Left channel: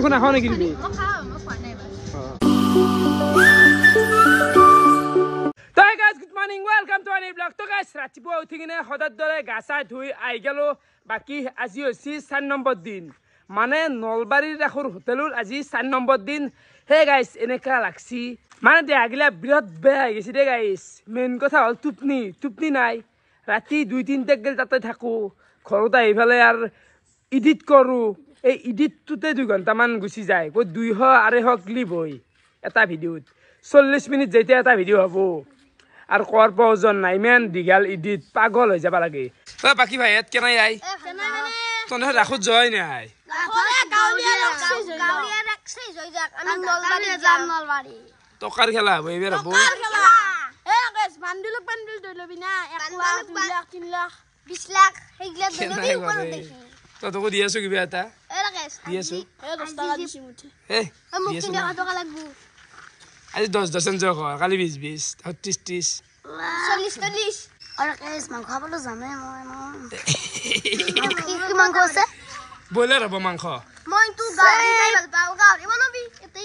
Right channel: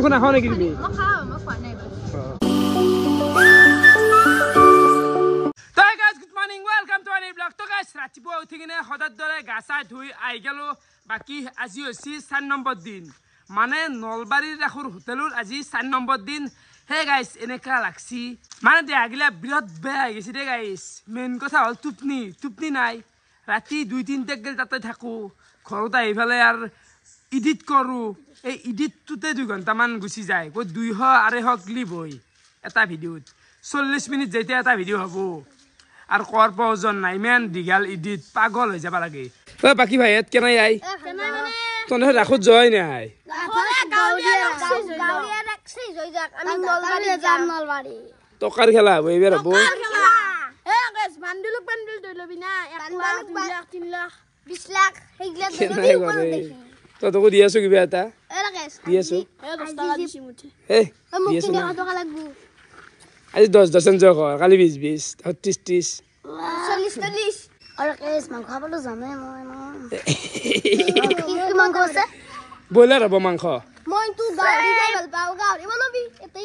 মাংস নাখাও নেকি তুমি গুড মৰ্ণিং ৱেলকাম টু আনি ব্লগ তো গাইছ ৰাতিপুৱা উঠি কিনে সদাৰ দৰে গা চা ধুই আহি গেলো বাকী আজি হৈছে 4 নম্বৰ দিন মানে নলবাৰীৰ ৰাখৰ হোটেলৰ আজি 4 নম্বৰ দিন হে গাইছ এনেকা লাগছি মানে দেহাগিলা বিৰাট বেয়া হৈ গৈছে দে গাইছ মেইন কথা হ'ল টোপনি নাই ৰাতি 2-3 গেল তাতে থাকো ঘৰত আহি ফেলে আৰু এডিট কৰোঁ এই এডিটটোতে 2 ঘণ্টামান গুচি যায় কৈ 200-250 ক্লিপ হয় এটা ভিডিঅ'ত 40 মিনিট যেতিয়া এটা ভিডিঅ' হ'ব আর কর প্রয়োজন নাই মেন দীঘাল ইডিট পাগল হয়ে যাবা লাগে বাকি ভাই এত কেনাই আই তোনে রাখুত জয় নাই টকার খেলা হবো এবার হবো তোকে দিয়ে আছো কিবা এটা দিয়ে আছো আজি 10 যোগ হয় কালি 20 30 40 আৰু কেছ মাংস খাবলৈ যামে মই মাংস আছে বইলাৰ হ'ব মাংস মই তো গাড়ী খাই ভাল পাওঁ গাড়ী বনাবি এতে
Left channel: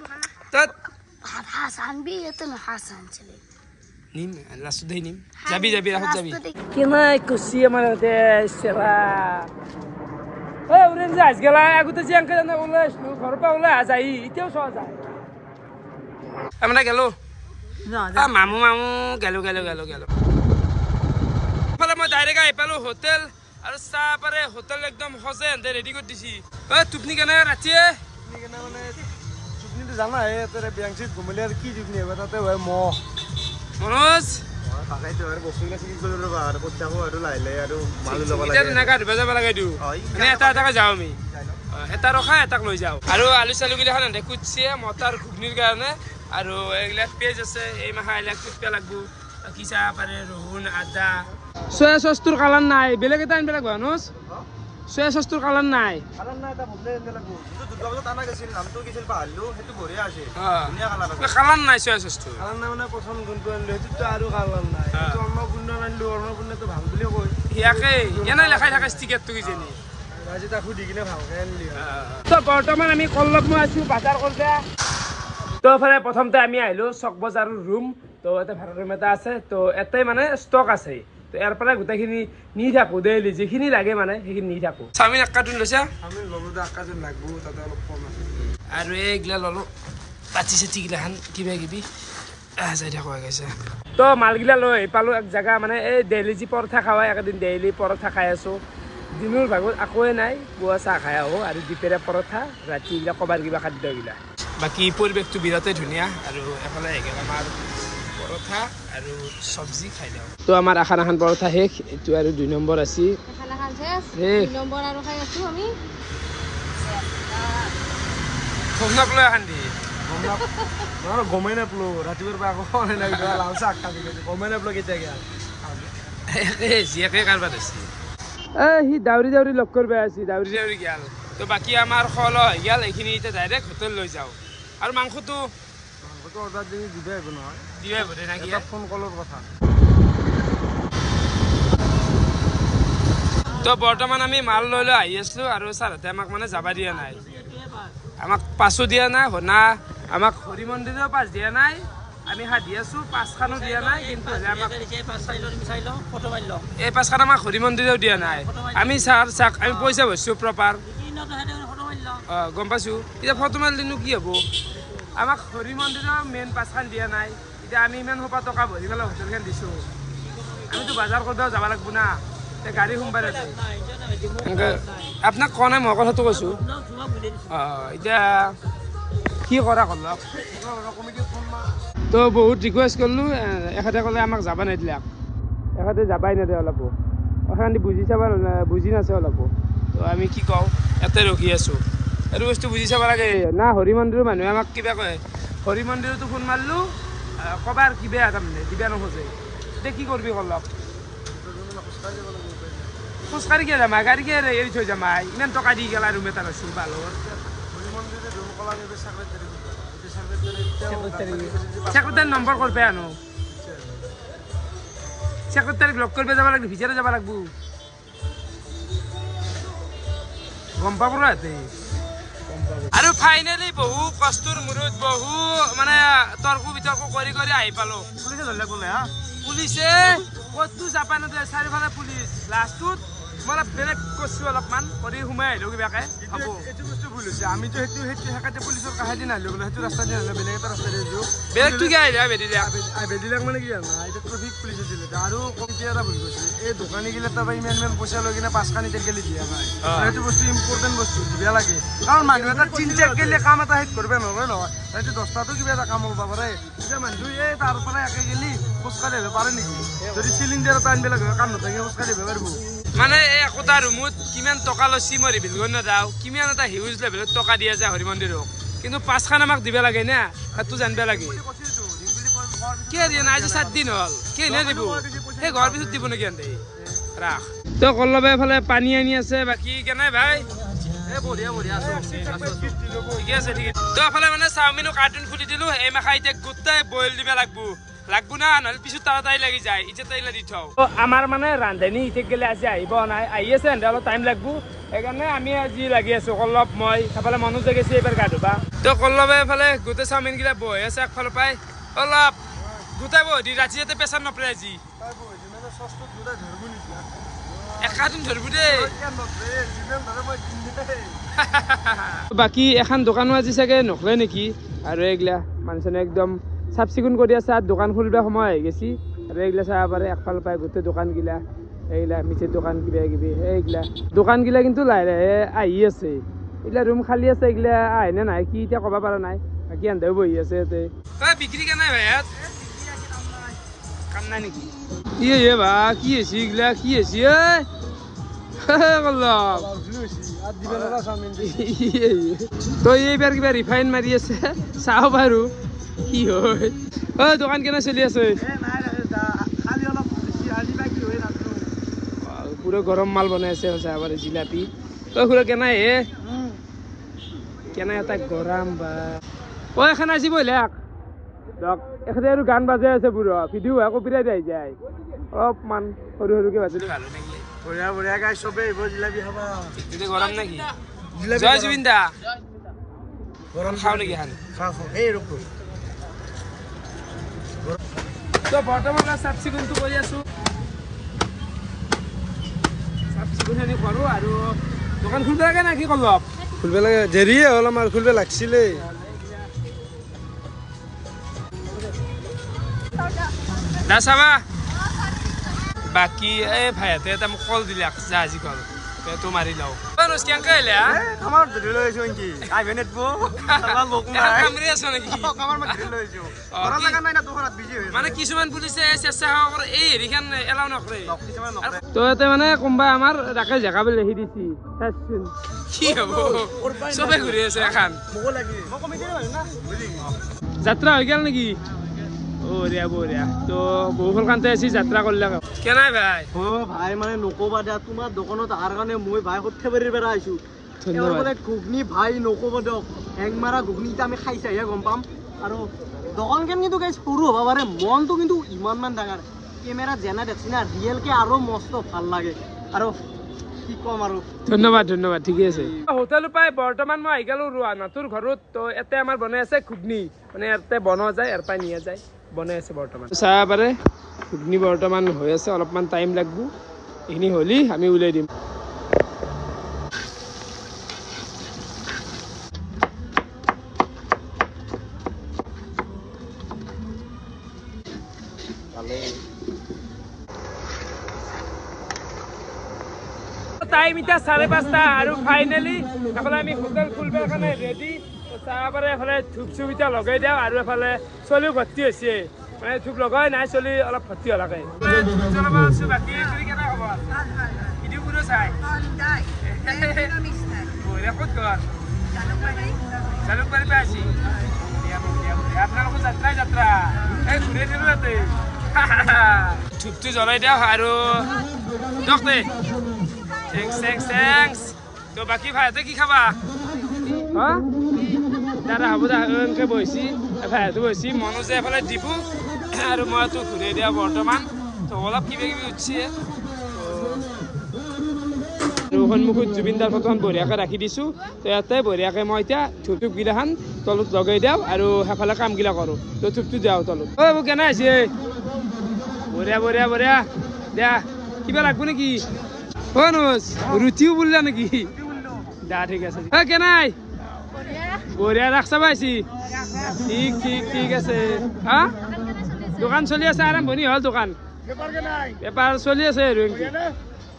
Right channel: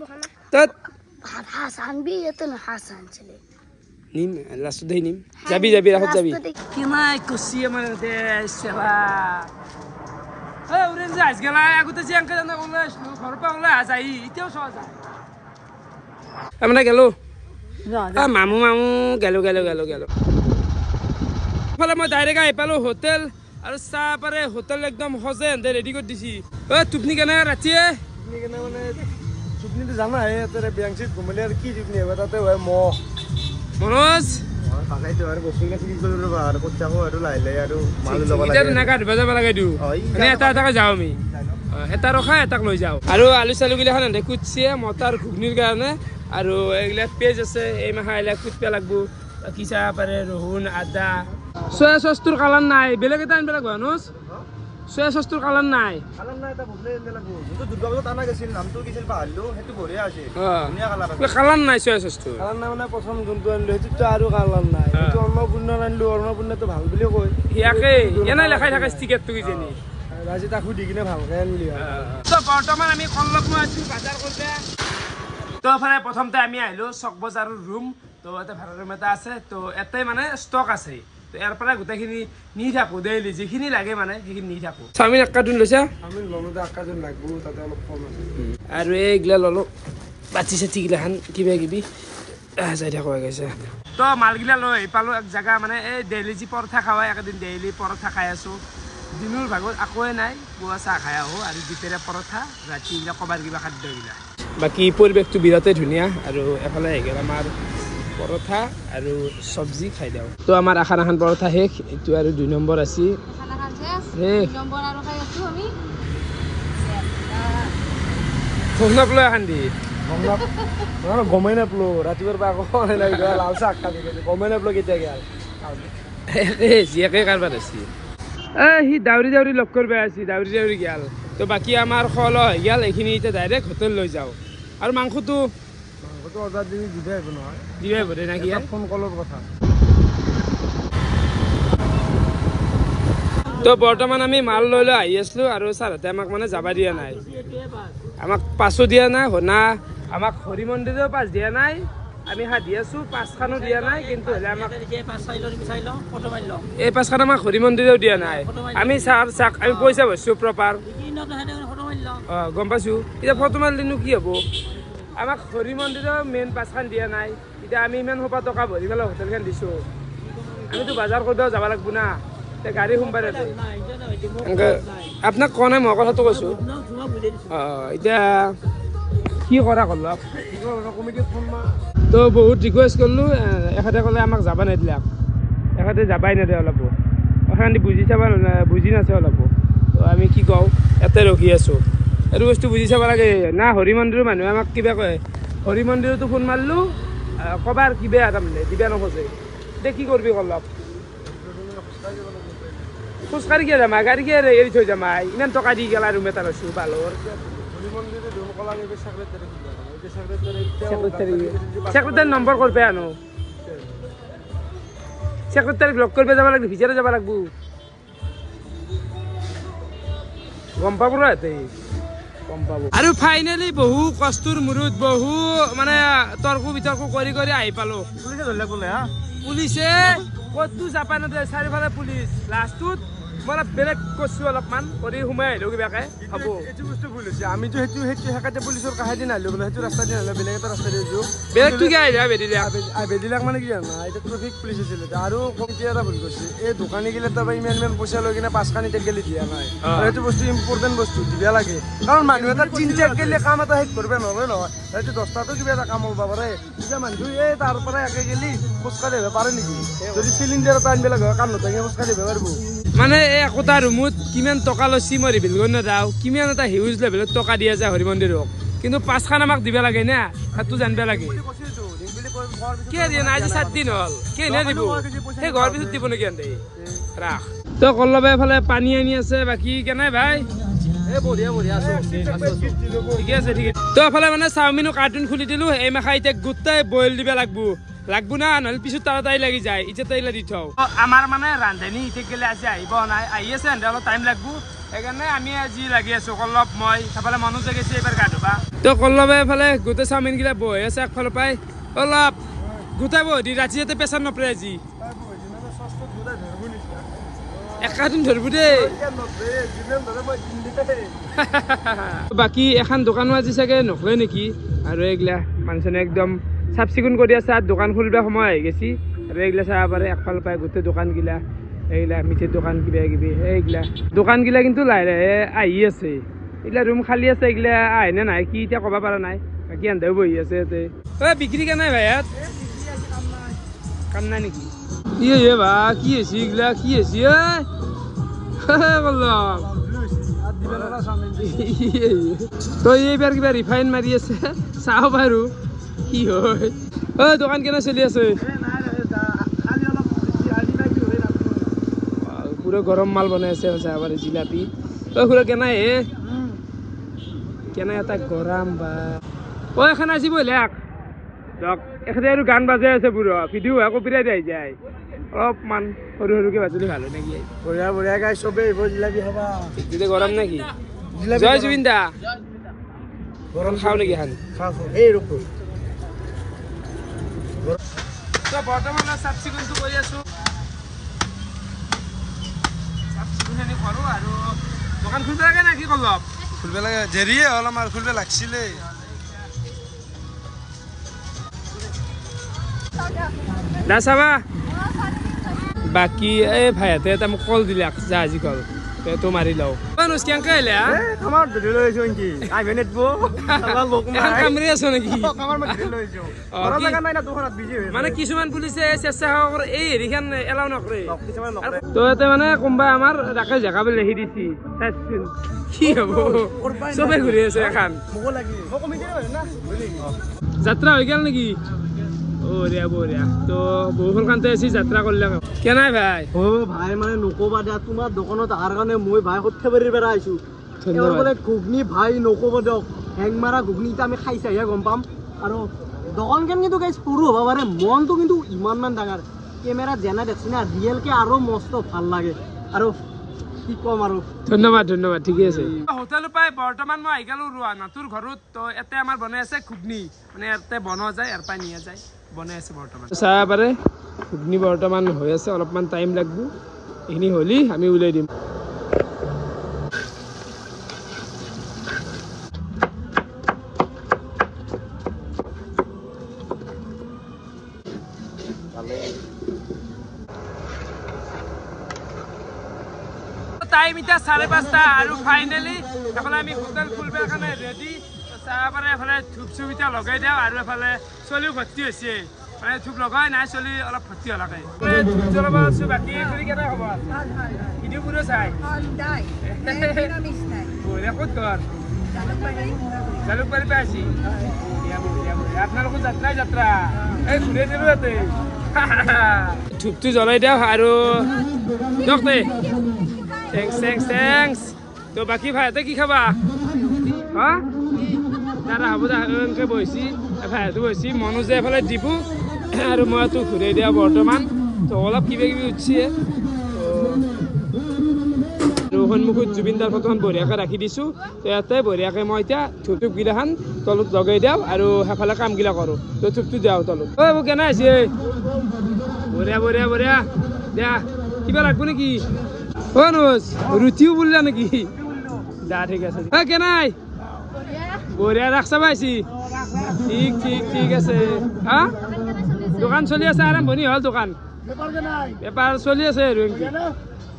বহানা তত ভাত হাসানবি এতে না হাসান চলে নিম লাষ্ট দেই নিম যাবি ৰাখত যাবি কেনাই কুছি আমাৰ তে সেবা এই উৰেন যাস গেলা আগতে যে আঙ্কে জানা ওলাইছো ঘৰৰ পৰা ওলাই যাই ইতেও সহ যায় আমরা গেল মামু গেলো ফলে মই ডাইরেক্ট আহি পালো হোটেল আর চাহ পারে হোটেল একদম সজে এনে রেডি করে দিছি টুপনি কেনে রাতিয়ে মানে চুপনিটো জানা হে তেরে ব্যাংচিত ঘুমলে আর কি চুপনি হবে তাতে হয় মহ মনোজ পাকাইতে আর বস্তুগুলো চিনি করে রবা আর করতে আকো আর লাইলে আর মাল লবা লাগে এটা না কাট বাজা লাগে দিও এনে এটা যাও আমি এটা ৰখা এটাক লৈ যাও আৰু আলু চালু গিলা খান কুটছে মটাৰ ঘুগনিৰ কাৰণে আৰু এইগিলা পেজ আছে এই মাহা এলা কুটপা লাগবো বাকি চা পারে ৰহুন আদা সয়া সস্তুৰ কালাৰ নাই বেলেগ এটা আনবে লাগবো অনুজ সয়া সস্তুৰ কালাৰ নাই এটা বদলে এনে লাগবো কিন্তু দুৰ্গাপূজা টানা গেছিল নামটো কিছিল পাহাৰলো হেতু বঢ়িয়া আছে ধুনীয়া কালাৰ আছে কালাৰ নাই সয়া সস্তুৰ কালাৰ নাই মানে প্ৰথম যোনটো আনলো হেতুটো আৰু কালাৰ নাই এটো অন্নপূৰ্ণা আনলো অন্নপূৰ্ণাটো ভাল বুলি কয় ইয়াকে এনে লেখাই থাকে ষ্টিকাৰটো কিজেনি আজি তা খুদি কিনে ভালকে আনলি তো বৰ্তমান আমি কল্লক মই আছো বাজাৰ কৰবা তো ফালে প্ৰথমতে আমি আহিলো চক বজাৰৰ ৰুম তো এটা ভাড়া ৰুম এটা আছে তো এটাই মানে ষ্টক আছে তো ইয়াৰ পৰা গোটেইখিনি নি থাকো ডেইলি যিখিনি লাগে মানে সেইখিনি নি থাকো চাওমিন এক কাৰ্টুন লৈছা আমি ললোদা আকাজন লাগবো তাতে অলপ কম আছে আৰু এইগিলা ললো বাতি চাতি গিলাখান কিবা কিবি যাই থাকো গৈছে তো মালগিলা লৈ পালো এক জেগা মানে এই ডেইলি যি পৰঠা খাওয়া একদিন ডেইলি পৰঠা খাই আছো দিনৰ ভাগত আকোৱে নাই পুৱা চাহ খাই আহোঁ আৰু দুপৰীয়া পৰঠা ৰাতি এইগিলা কবাৰ কিবা খাদ্যগিলা বাকী পৰিৱেশটো বিৰাটেই ধুনীয়া আৰু এফালে আহি গ'ল আমাৰ পৰঠা আৰু চব্জি খাই দিওঁ তো আমাৰ এখন পৰঠা শেষ এইটো আৰু 2 নম্বৰ আছে শেষ ঘুগনক লৈ এখন দি গমেই নাপলো ৰাতিপুৱাৰ পৰা আকৌ লাল চাহ গমেই নাপলো কেতিয়া গেল একে কাৰবাৰ আছে সি দাউৰি লগ কৰিব আছে দাউৰি গেল তো বাকি আমাৰ খল হৈ গেল এইখিনি এতিয়া ডাইৰেক্ট হোটেল লৈ যাওঁ আৰু মাংসটো অৰ্ডাৰ দি দিবে আহিব নহয় দিবে আহিব দে নাকি ফোন কলৰ কথা তো বৰ্তমান আমি মাল লৈ আহি আছিলো আৰু ছাৰহঁতে আমাক মানে যাবা দিয়া নাই আমাক পাছো দিয়া নাই না আমাক হৰি মন্দিৰৰ পাছ দিয়া নাই আমি হাতি আছো পাঁচখানো দিয়া নাই কিন্তু হলে আমাক এই পাঁচখান আমাক হৰি মন্দিৰেও দিয়া নাই আমি চাক আমি পইচা ভৰছো প্ৰপাৰ গম পাইছো এতিয়া ফটো মাৰিলেনো কি হব আমাক হৰি মন্দিৰৰ মেইন পাঁচখান দিয়া নাই এতিয়া আমি ইমান সোপা টকা ভৰি পেলাই হোটেলখন দিছো আমিতো বজাৰ কৰিব যাব লাগব না এতিয়া গাড়ী সোমবাৰ আপোনাক কোৱা নাই মই কথাটো কৈছো এতিয়া কি কৰা কৰলক তো বহুত ৰিকুৱেষ্ট কৰিলো এখেতে ক'লে আমাক যাব নিদিলে এখেতে যাবাই নিদিয়ে অলপো এখানি বুজি নাছে অলপো তো আমি কি কওঁ ইয়াতে ৰখি আছো এইটো বস্তু বুজি চাব লাগে না হৰি মন্দিৰৰ মানুহে আমাক কিবা কয় হৰি মন্দিৰতো ফোন মাৰিলো কবাৰ কিবা তাৰমানে দিবা নোখোজে এতিয়া কি কৰিবি কৰলক খোজকাঢ়ি কিয় যামা গাড়ী কিয় এৰি থৈ যামা ইমান টকা দি গেলা ৰুম এটা লৈছো বালৰ সেক্ৰেটাৰী নম্বৰ কৰবে আনো সেক্ৰেটাৰীক লগ কৰিব যাব লাগিব ভিতৰে যাব লাগিব গম পাব ৰ গম পাব আৰু ফাইনেলি বহু কষ্টৰ মূৰত বহু মানে তৰ্ক বিতৰ্ক কৰি কৰি আহি পালো পুলিচে ধৰিলে বোলে হা পুলিচে কতটো জাপানতে চাৰিওফালে পুলিচ লাষ্টত মই বেলেগ কৈছো অলপমান কৰি সোমাই আহিলো কিবাকে হ'ব এইটো বস্তু ভুল হৈছে আমিতো সেইটো হেকাতে পুলিচৰ কাষেদি নাহিলো বোলে সেইটো ৰাস্তা দি নাহিলো বেলেগ এটা ৰাস্তা দি আহিছো বেলেগটো কি আহিলে বেদিলাক মানে কি জানা এতিয়া ট্ৰেফিক পুলিচ আছিল আৰু কমিটি এটা ভুল কৰিছে এই দোকানী গিলে তাৰপৰা ইমান পইচা লৈ কিনে 5 খানি টেক গেলি দিয়া নাই সেইটো বস্তু ইম্পৰ্টেণ্ট বস্তু দিবা লাগে কাৰণ মানুহ এটা 3 টেক গেলে কাম এটা শেষ কৰিব নোৱাৰে নহয় সেইটো 10টাতো কিবা এটা কাম হ'ব পাৰে এতিয়া মানুহ এই তাৰ পৰা একে গেলি খোজকাঢ়ি আহিব পাৰে নেকি যদি চিলিণ্ডাৰ এটা আনিব লাগে কাম নথাকে খোজকাঢ়ি আহিব পাৰিব মানে একোটা ৰুমত কিমান টকা লৈছি মই ৰিভিল কৰি নাযাওঁ কিমান এটা হিউজ লেভেলত টকা দিয়া যায় হৰি মন্দিৰক কিন্তু 5 খান আমাক দিব লাগে না সেইটো জানিব লাগে কি দিয়ে না আজি 7 দিন হ'ল কি নে দিব সেই ঘৰ পিছত দিব নেকি আনতে ৰাখ তো কল্লবে এফালে পানী আনি আছে বাকি কেনে ভাই বঢ়িয়া আছো ঠিকে আছে ঠিক আছে তো এফালে মানে চাওমিনৰ কাৰ্টুন খুলি দিলো এই মাখা এতিয়া গোটাই বইল দিব লাগবো না নহলে পিছত তাড়াতাড়ি লাগি যায় এতিয়া তাইলে দি থওঁ আমাৰ মানে ৰান্ধনি ইতে গেলে আজি আহিব নাই আহি আছে এন্ড অলপ টাইম লাগবো সেইকাৰণে আমি আজি লাগি আছো কল্লব মই এফালে মনোজ গৈছে এইবাৰ গা ধুবা তো কল্লবে এফালে গোটেই চাওমিন গিলা বহি আছে একফালৰ পৰাই অলপ গোটাই বহি ৰাতি যাতে প্ৰেছাৰ নপৰে আজি একাদিন ধৰবো দেই বাকী এখন দোকানো আজি চাগে নকলে নেকি আৰু এইগিলা মানুহজনে একদম চাফ চিকুণ কৰি আছে আৰু দোকান খুলিবৰ সময় আহি গেছি আৰু এইগিলা চাব পাৰে একফাল পাই গোটেই দোকানগিলা এইগিলা মিঠাইৰ দোকান কিবা কিবি এইগিলা দোকানগিলা কিন্তু লাহে লাহে আহি আছে এইগিলা ৰুম খালী আছে এইগিলা আহে নে নাই কি এতিয়া ক'ব পৰা নাই বাকী আন্ধাও বহি আছে ইয়াতে বিক্ৰী কে নাই ভাই ইয়াত কাম নাই নেকি ইয়ে বা কি হৈছে এইগিলা কি হৈছে তই এইবাৰ কিবা ৰিফাইন মাৰি আছে চাও বাৰু কি হয় দোকান কেনে চলি আছে পুরো গরম মাল বনাই আছে চাহাবারে জিলাপি খুড়া কেনাই হে কেনাই এটা গরম বা এখন আজি বইলাক দক এখানে আৰু গান বাজাই আছে পুৰো ভিডিও কপিৰাইট আহি যায় অলপমান সৰু সৰুকে বাজিলে ভাল হয় নাকি বঢ়িয়া গাই চবে জিলাপি খাবা দিলে গৰম নাকি জয় জুবিন দা গৰম খাও নেকি খান এই ৰখ তো বৰ্তমান চাফ চিকুণটো কৰি আছো চাফ চিকুণখিনি কৰোঁ আৰু দোকান খুলিব লাগে না কি কল্লব খুলিব লাগে দেৰিয়ে হ'ল আমাৰ খুলিব লাগিছিলে না চাবা বাকী এই ভাইহঁতে এটা মোক কল দিলে জাহাজী কল তো মাৰি লওঁ কেনেকৈ আহিলে কামৰি আছ নেকি মানে কিছুমান পুলিচে স্বেচ্ছাসেৱকৰ এই হেৰিখন এলাও নকৰে তো ইয়াতে মানে কোনোবাই আমাৰ ৰাকে জেগা বুলি লিখি দিছি কি হব চবে ঘূৰি আছে এখন যাত্ৰা হৈ গেল নেকি বঢ়িয়া বঢ়িয়া তো বহুখন কান্তে আছি যাত্ৰা কৰিলে কেনাই ভাই ভাই মানে নকবা দিয়া তোমাৰ দোকানত অহাৰ কাৰণে মই ভাই সৰ্থেবাৰীৰ পৰা আহিছো বোলে ঘুগনি ভাই নকবা দিয়ক হেং মাৰা ঘুগনি এতিয়া আমি খাইছাহে গম পাম আৰু দোকানখন কিন্তু গাইছ সৰু হ'ব পাৰে মনটো কিন্তু ইমানমান ডাঙৰ কেমেৰা যেনে দেখছি না ৰিয়েলকে আৰু মস্ত ভাল লাগে আৰু কি কম আৰু ধন্যবাদ ধন্যবাদ ঠিকে আছে হোটেলৰ পাই বৰ্তমান মই আহি গলো ৰোৱানাটোৰ ঘৰত তো ইয়াতে আমাৰ বনাই আছে ঘুগনি মানে ইয়াতে বনোৱা যায় ইয়াৰ পৰা নিয়া যায় বনাই আছে বৰ্তমান চাব পাৰে ঘুগনি বৰ্তমান হৈ আছে অলপমান টাইম লাগব এইখিনি হলি আমি উলাই দিম টাইম এতিয়া 5:30 আৰু ফাইনেলি এফালে আমি হোটেল খুলিবৰ কাৰণে ৰেডি চাব পাৰে এফালে ধূপ চুপ এতিয়া লগাই দিওঁ আৰু এফালে চলিও ভৰ্তি হৈছে মানে ধূপ লগাই নাই চলি অলপ ভৰ্তি হলাকে ধূপ জ্বলাব আছো বাকী কৰি কেনে হ'ব ভিডিঅ' পুৰো চাই ক'ত ঘৰ জালুকবাৰী পৰা আছি আপোনালোকৰ যাত্ৰা এই ঘূৰাই দিলো ইয়াতে ধূপটো জ্বলাই দিওঁ আৰু দিয়ক দে থেংকস তো বাকি ভাইতে কি খাবা হা দাদা হ'ব দা এনেকৈ বহিছি ভাইটো বহিছি মনোজে এফালে দিব আৰু মইতো ঘূৰাই দিয়া বৰ্তমান তো অলপ কিবা কিবি উঠিছে সন্মুখত জুবিনদাৰ ফটোখন বঢ়িয়াকৈ ৰাখি দিছোঁ তো ইয়াতে বঢ়িয়াকৈ মই এতিয়া থুপগিলাখান তলত লগাই দিওঁ আৰু সেইফালে কামগিলা কৰোঁ তো থুপটো দিওঁ তলত ঐ মোক কেনে আছে বঢ়িয়া বঢ়িয়া বঢ়িয়া দিয়া কিবা লাগব নেকি ও নোজ ৰুচিও বুলিলা নেকি দা ঠিক আছে ঐ কেনাই বঢ়িয়া ৰাখছা পাইছি ঠিক ঠিক ঠিক আছে হা দোকান চলি আছে আৰম্ভণি হ'ল দোকান বেপাৰ চলি আছে আৰু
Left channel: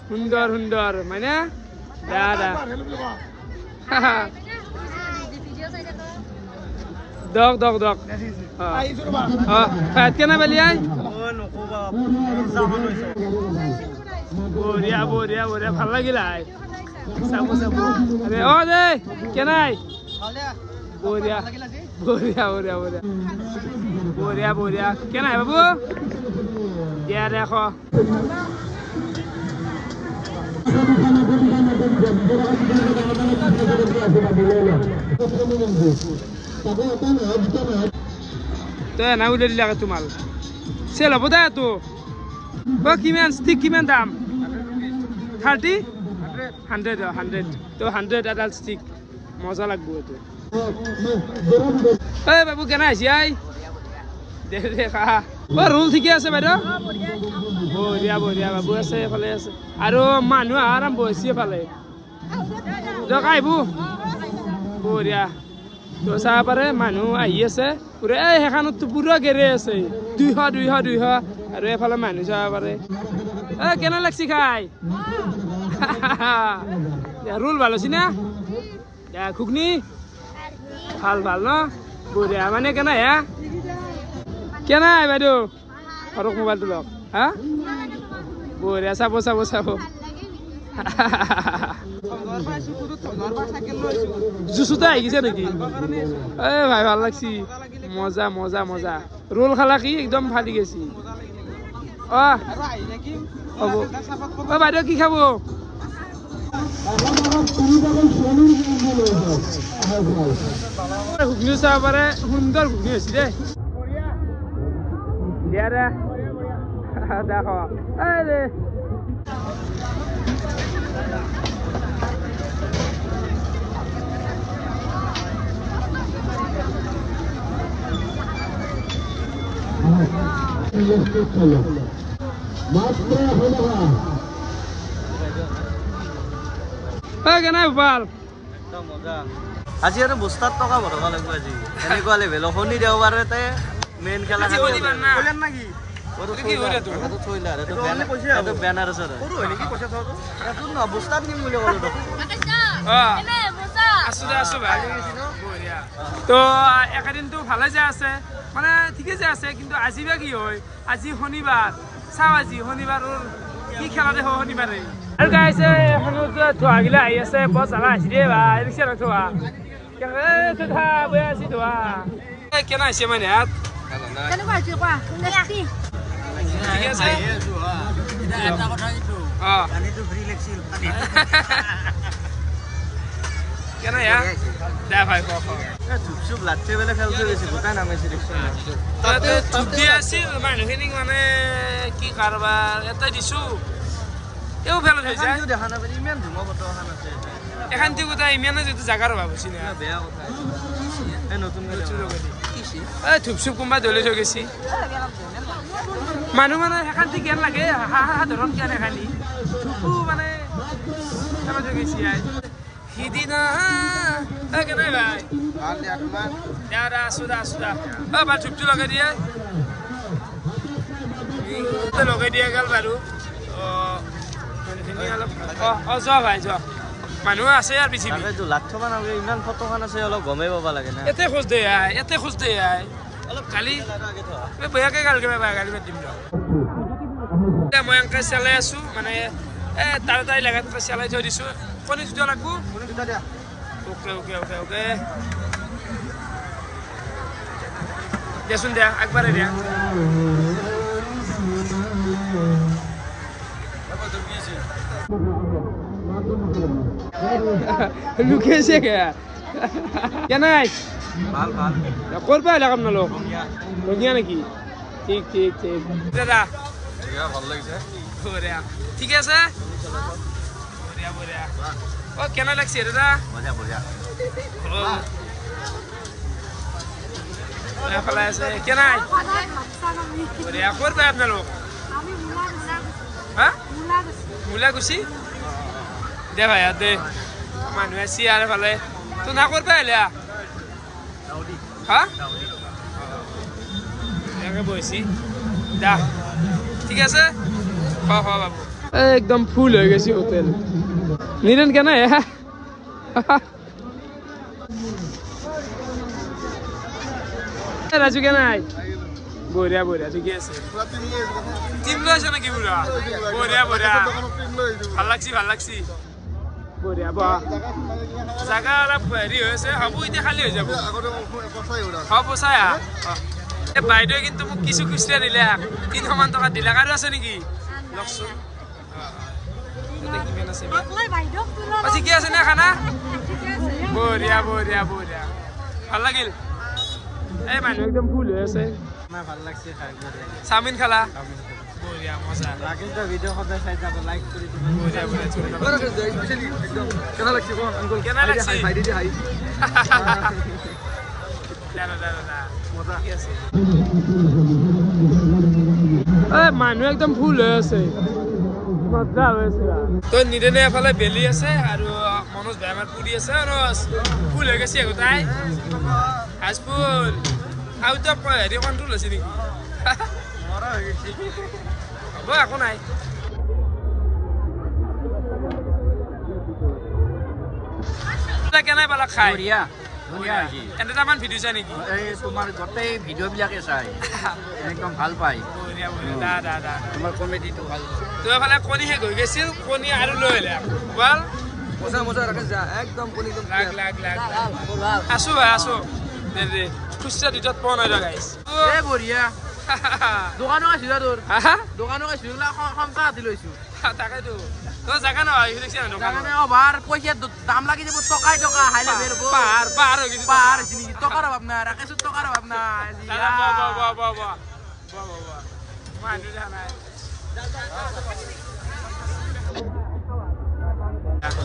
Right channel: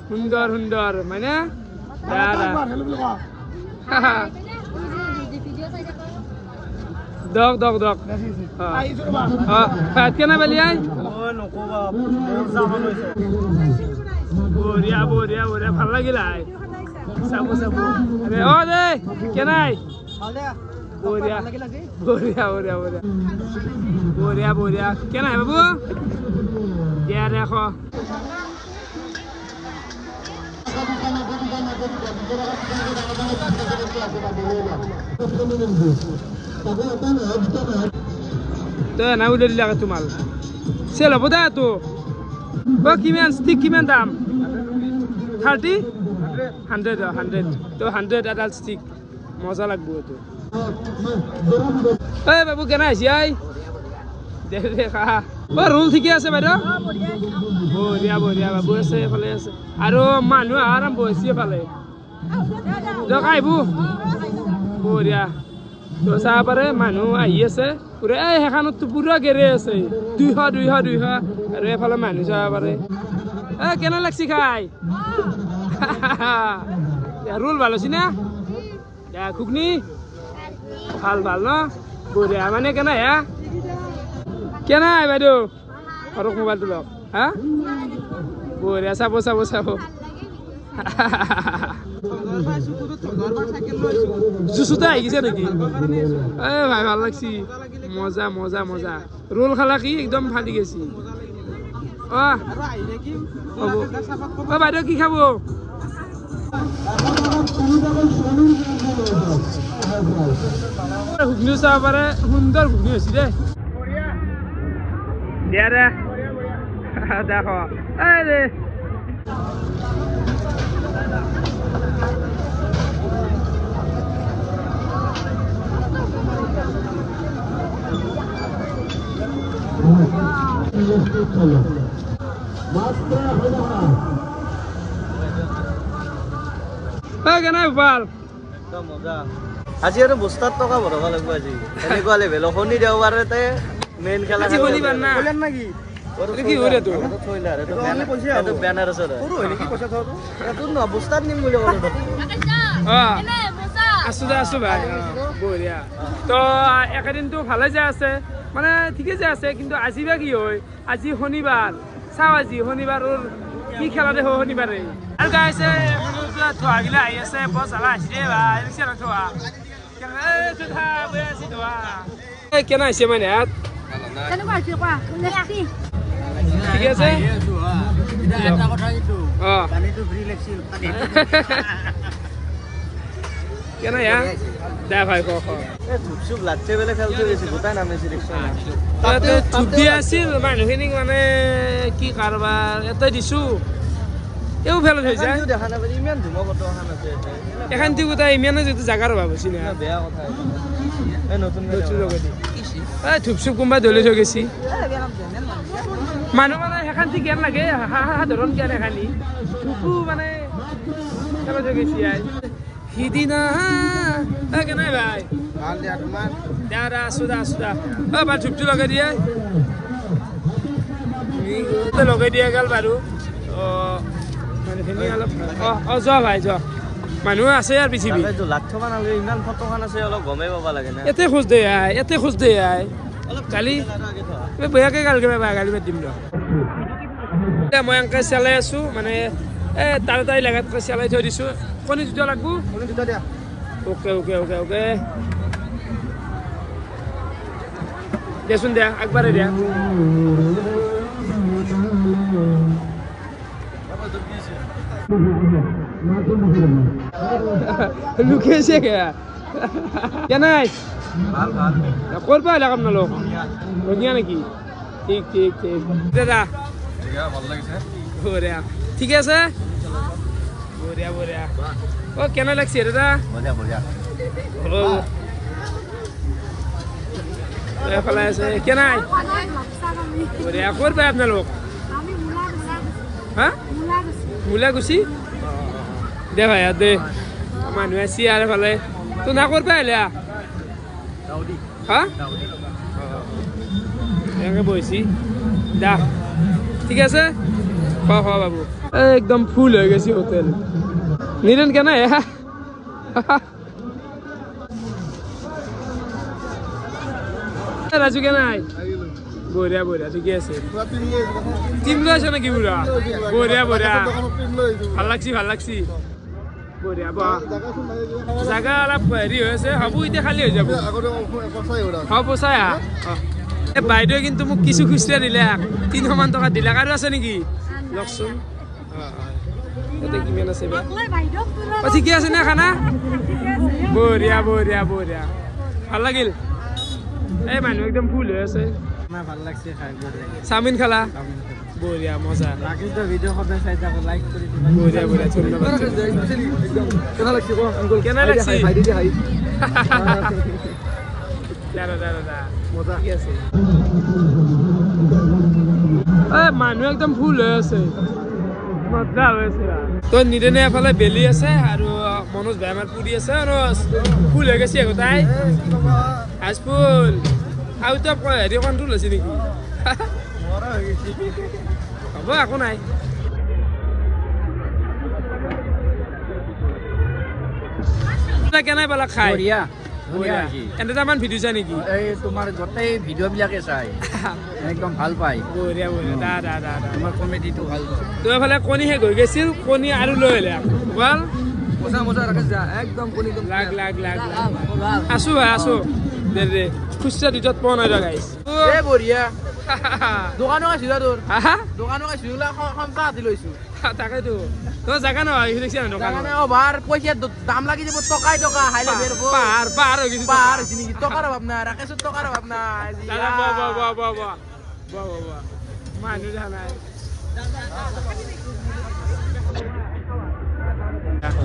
সুন্দৰ সুন্দৰ মানে দক দক দক ভাত কেনে পালি আই বঢ়িয়া বঢ়িয়া বঢ়িয়া ভাল লাগিল আই চাব চাব অ দে কেনাই বঢ়িয়া বঢ়িয়া বঢ়িয়া বঢ়িয়া বঢ়িয়া বঢ়িয়া কেনাই বাবু দিয়া দেখ তো না উলে দিলা তোমাল চেল হ'ব দা তো কিমান ষ্টিক কিমান দাম 30 100 100 তো 100 এডাল ষ্টিক মজা লাগবো এটো এই বাবু কেনা আইছি আই দে দে খা রোল ঠিকে আছে বাইদেউ বঢ়িয়া বঢ়িয়া বাবু আছে এফালে আছে আৰু মানুহ আৰাম বহিছে এফালে দিয়ক আহিব বঢ়িয়া তো চাব পাৰে মানুহ আহি আছে পুৰা এই সেইখনতো পুৰা গেৰে আছে 200 200 200 আৰু এফালে মানুহ চাব পাৰে এই কেনে লাগছি খাই ৰোল ভাল হৈছে না ঘুগনি ভাল ভাল ন বঢ়িয়া মানে কেনে হে কেনে বাইদেউ সৰক মোবাইলটো লওক হা বঢ়িয়া চাব চাব চাব জুচুতে আহি গৈছে নেকি এ ভাই ভাল লাগছি মজা মজা মজা ৰোল খালা কি একদম ফালি গেছি অ হ'ব অ বাইদেউ কি খাব ঘুগনি চাব পাৰে সুন্দৰ ঘুগনি হৈছে দেই দিয়া দে দেখ এই দে কেনে ভাল আজি আৰু বস্তাত টকা ভৰাব লাগিব আজি এনেকুৱা লেভেল শনি দেওবাৰতে মেইন খেলা নাকি বস্তাত নিম বুলি ক'লো আছো দে আছো ভাই বঢ়িয়া তো একেদিনটো ভালে যে আছে মানে ঠিকে যে আছে কিন্তু আজি বা কি হয় আজি শনিবাৰ চাওঁ আজি শনিবাৰৰ কি খেলা দেখো শনিবাৰে আৰু গাইছে এখনত ধোৱাগিলা আহি আছে বৰ জ্বালা আহিছে দেই ভাই ৰিক্সা নথোৱা বৈ আছি ধোৱা কেনে আহিছে মানে ইয়াত ঠিক আছে কেনে ইয়াত দে ভাই ক চুপ লাগছে বেলে খেলছে বেছি গোটাই নামিছে ৰিক্সা ছুটি আছিল মানুহখিনিক মানে কি কাৰবাৰ এটাই দিছো এও ফেলত হৈ যায় দেখা নাপাই ইমান ধুমা বতৰ অহা আছে এখানটি গোটাই ইমানে যদি জাগাৰ অভাৱ হৈছে না বেয়া কথা এই নতুন থুপচুপ কোনোবাই ধৰি থৈ গৈছি মানুহ মানে সেইখানটি জ্ঞান লাগে সাধাৰণ জ্ঞান এখানি থুপু মানে ফেলত হৈ গৈছি আই সিদিনা কেনে ভাই আছো দা আছো দা বাবা থুপটো লগাই দিয়া লগাই দিয়া গেল বাৰু যোৱা ভাই যোৱা মানুহ আছে আৰু পৃথিৱী লাখ টকা নালাগে ইমান ফটোখন আছে অলপ গমেই পাব লাগে না এতে খোজ দে আই এতে খোজ দে আই কালি বেয়াকে গাল কে গালি মাত দিম ৰ মই এনেকৈ চালাই আছো মানে তাৰে তাই লাগাত চালাই থৈ দিছো কণী দুটা লাগব কণী দুটা দিয়া ওকে ওকে ওকে ওকে দেচোন দিয়া একবাৰে দিয়া লুকিয়েছে কেনাই ক'ৰ পৰা আহিলা আপোনালোক ধুনীয়া নেকি ঠিক ঠিক ঠিক দাদা ভাল লাগিছে ঠিকে আছে বঢ়িয়া বঢ়িয়া অ কেনে লাগছে দাদা বঢ়িয়া বঢ়িয়া এফালে আছে কেনাই বঢ়িয়া ক'ৰ পৰা আপোনালোক হা মূলাগুচি দে ভাই দে মানুহ আছে আৰু এফালে তো না ক'ৰ পৰা আহিলা হা এনেকৈ বহিছি দা ঠিক আছে খোৱা খোৱা বাবু একদম ফুল হৈ গৈছে হোটেল নিৰেন কেনে ৰাজু কেনাই বঢ়িয়া বঢ়িয়া ঠিকে আছে টিম লৈ আছে নেকি পুৰা বঢ়িয়া বঢ়িয়া ভাল লাগছি বঢ়িয়া বা জাগা অলপ হেৰি হৈ আছে হ'ব এতিয়া খালী হৈ যাব হ'ব চাই বাইদেউ কিন্তু মোক কিছু খুচুৰা দিলে 300 মান টকা দিলাক আৰু আছে নেকি লওকচোন কিমান আছে ঠিকে আছে নে খানা বঢ়িয়া বঢ়িয়া বঢ়িয়া ভাল লাগিল এই মানুহ একদম ফুল হৈ আছে ভাল লাগছে খাই চাওমিন খালা বঢ়িয়া মজা কিন্তু ভিডিঅ' সদায় চাই থাকো লাইক কৰি দিবা বঢ়িয়া বঢ়িয়া ধন্যবাদ একদম কেনে লাগছে কো আঙ্কল কেনে লাগছে হাই দি হাই দাদা মজা কি আছে এই মানুহ একদম ফুল হৈ আছে মজা হৈ আছে তো নিদেনে এফালে বেলি আছে আৰু মনোজ ভাইমাৰ পুৰি আছে আৰু ফুল হৈ গৈছে গোটাই হাজফুল আৰু তো হেৰি কণ্ট্ৰল হৈছে নেকি হ'ব একো নাই কেনে পালা খাই বঢ়িয়া ধুনীয়া এটামান ভিডিঅ' চাই নেকি এই তোমাৰ গোটেই ভিডিঅ' বিলাকে চাই একদম ভাল পাই বঢ়িয়া বঢ়িয়া দা তোমাৰ কমেডিটো ভাল তো এফালে কণী শেষ হৈ গৈছিল কণী আৰু লৈ আহিলে বল লাগ আছো ভাই আছো দে খুচৰা দুটাত পোৱা নাই গাইছ এই বঢ়িয়া তাকেতো তো জাগা নহয় দেখিছে না পইচা দাম লাগি যাব টকাই টকা পাহাৰ হৈ গৈছে টকাৰ অভাৱ নাই ৰাকেশৰ টকাৰ অভাৱ নাই মানুহ দেখা নাই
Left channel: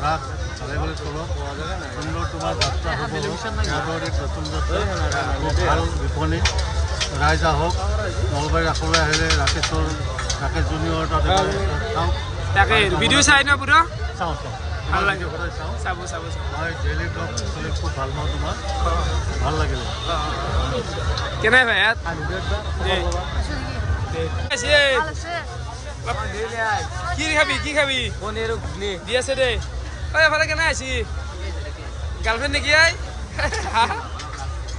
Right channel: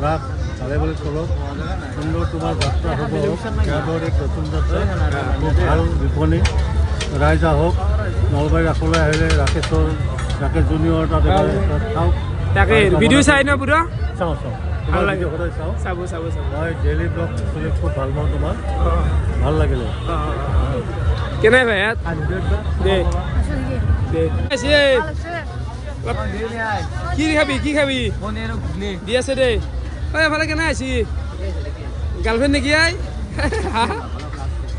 রাত 5:30 তলত সুন্দর তোমার যাত্রা হব ইয়াদরে প্রথম যাত্রা খুব ভাল বিপণী রাইজ আহক নলবাৰী ৰাসলৈ আহিলে ৰাকেশ জুনিয়ৰ তাতে চাওক তাকে ভিডিঅ' চাই না পুৰা চাওঁ ভাল লাগে সদায় চাওঁ চাব মই ডেইলি ব্লগ চলি খুব ভাল পাওঁ তোমাৰ ভাল লাগিলে কেনে ভাই দে কি খাবি দি আছে দে এফালে কেনে আছি গাৰ্লফ্ৰেণ্ড নেকি আই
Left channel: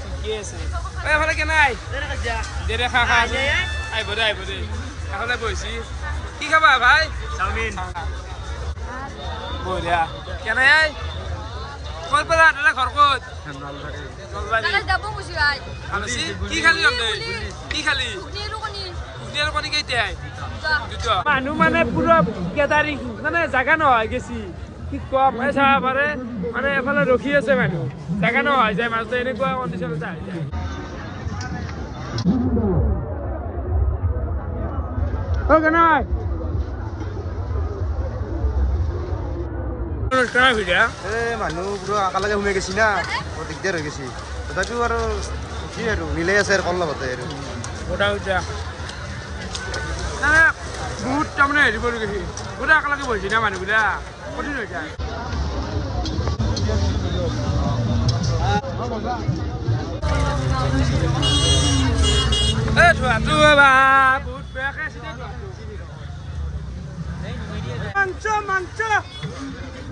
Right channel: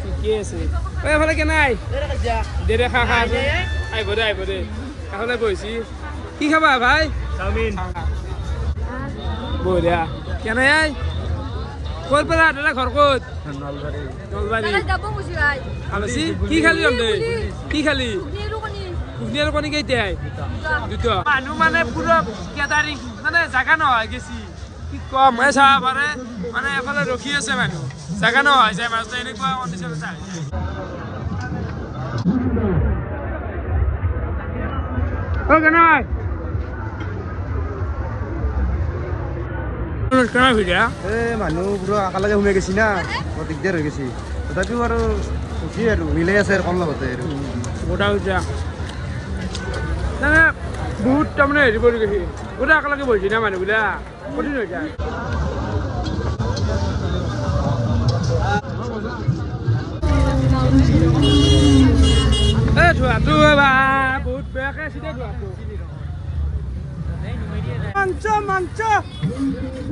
ঠিকে আছে এফালে কেনে আই দে খা আছো আহিব দে এফালে বহিছি কি খাবা ভাই চাওমিন বঢ়িয়া কেনে আই ক'ৰ পৰা দাদা ঘৰ ক'ত নলবাৰী কি খালি কি খালি ঘুগনি আৰু কণী কেইটাই দুটা মানুহ মানে পুৰা কেদাৰিং মানে জাগা নহয় গেছি কি কম চাব পাৰে মানে এফালে ৰখি আছে মানুহ জাগা নহয় যায় মাজতে এনেকুৱা কণ্ডিশ্যনত আহি যায় মানুহ পুৰা একেলগে সোমাই গৈছি না বৰ দিগদাৰ হৈ গৈছে তথাপিও আৰু কি আৰু মিলাই আছে আৰু কম লগতে বহুত তাৰমানে হেৰি কৰি গৈছে গোটেই একেলগে বহিছে না মানুহবিলাক কঠিন হৈ যায় ধোৱাটো বহুত বেয়াকে আছে দে ধোৱাটো মাংস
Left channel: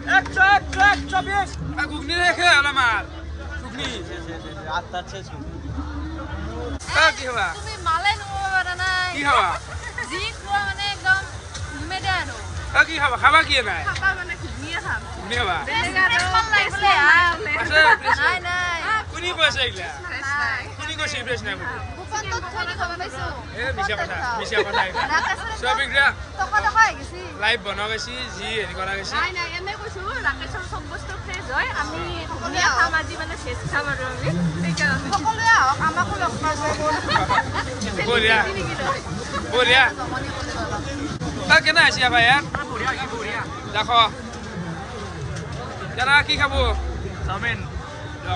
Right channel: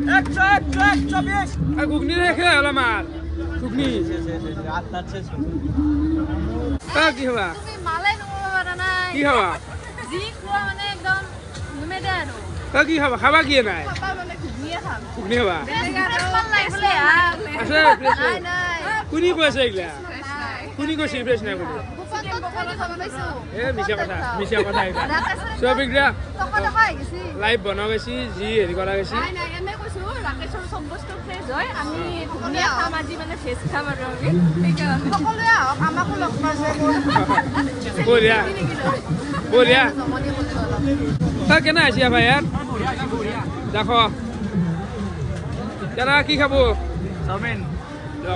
120 ঘুগনি রেখে হল আমার ঘুগনি কি হবা কি হবা কি খাবা খাবা কি নাই ঘুগনি খাবা আছে কোনি কৈছে এইগিলা কোনি কৈছে ফ্ৰেছ নাই বুলি মিছা কথা সব এইগিলা লাইভ বনোৱা গৈছে যি হেৰি কৰা গৈছে ৰাকেশৰ সব বস্তু ফ্ৰেছ হয় আমি ঘুগনিয়া খাম আজি মানে ফ্ৰেছ খাম আৰু সকলোৱে আহক আমাকো লগ পাব বঢ়িয়া কেনে আছে ভাই দেখো দাদা কি খাব চাওমিন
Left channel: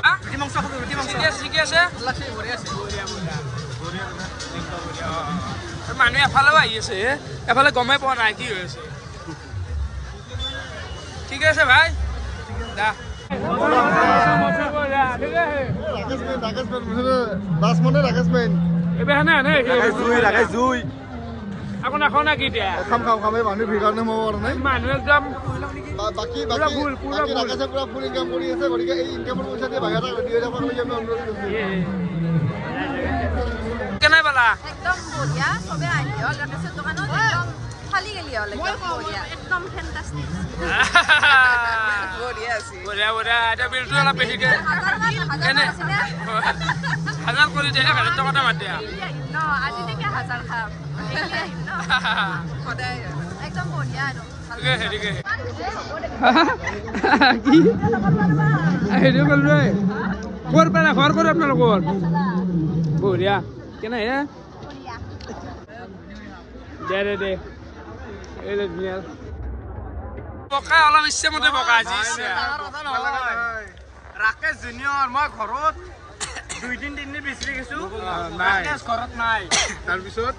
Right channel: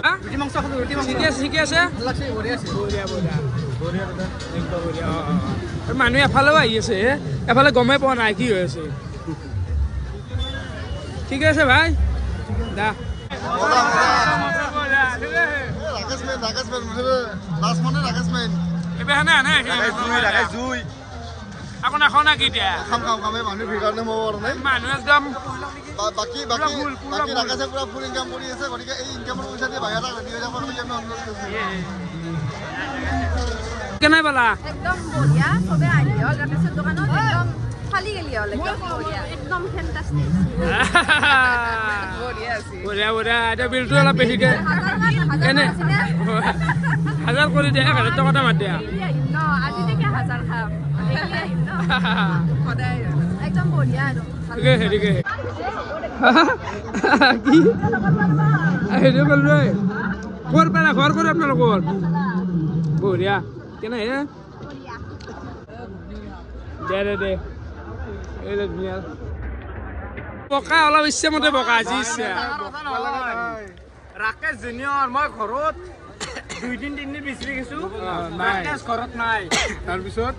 হা? ৰুটি মাংস খালো ৰুটি মাংস ঠিকে আছে লাগছে বঢ়িয়া আছে বঢ়িয়া বঢ়িয়া বঢ়িয়া একদম বঢ়িয়া আৰু মানুহ এফালেও আহি আছে এফালে গমেই পোৱা নাই কি হৈ আছে ঠিক আছে ভাই দা আকৌ নাখাওঁ না কি এতিয়া মানুহ একদম পুৰা ফুল পুৰা ফুল কেনে পালা একদম বঢ়িয়া চবে আহি গাখীৰ দোকানত একদম খালি গেলি হ'ল একদম ফেণ্টাষ্টিক বঢ়িয়া বঢ়িয়া এতিয়া বিলটো অলপ বেছিকে এনে 1000 কৰি দিয়া 1000 টকাটা মাত দিয়া আজি থেকে 1000 খাম একদম বঢ়িয়া আৰু ঠিকে ঠিকে কি হেৰি কৰিলো ঘৰ পাৰা ঘৰ কৰি আপোনালোকৰ বঢ়িয়া কেনে হে দে এই ধুনীয়া বকা অলপ ইচ্ছামতে বকা আজি ইচ্ছা ৰাকেশ জুনিয়ৰ মই ঘৰত 2-3 দিন বিচাৰি গৈছো ৰাকেশ ঘৰত নাই তাৰপিছত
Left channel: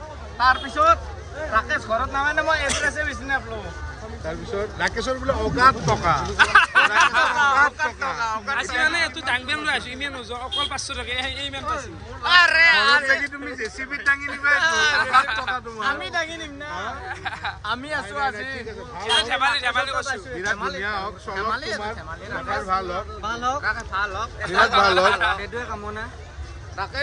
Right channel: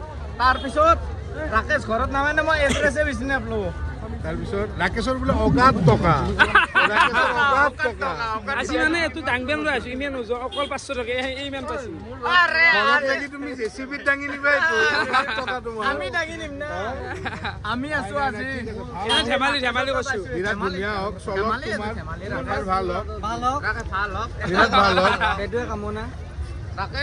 ৰাকেশ ঘৰত নামানে মই এড্ৰেছে বিচাৰি নাপালো ৰাকেশৰ বোলে অগাত টকা আজি মানে এইটো দাংবেন লৈ আছো ইমান নোযোৱা অকল 500 টকা ইমান পাইছো তুমি জেচিবিত দাঙি নিবা টকা তোমাৰ আমি আছো আজি ধেমালি ধেমালি কৈছো বিৰাট ধুনীয়া হওক চলক তোমাৰ ভাল হওক বিৰাট ভাল হওক সেইটোৱে কামনা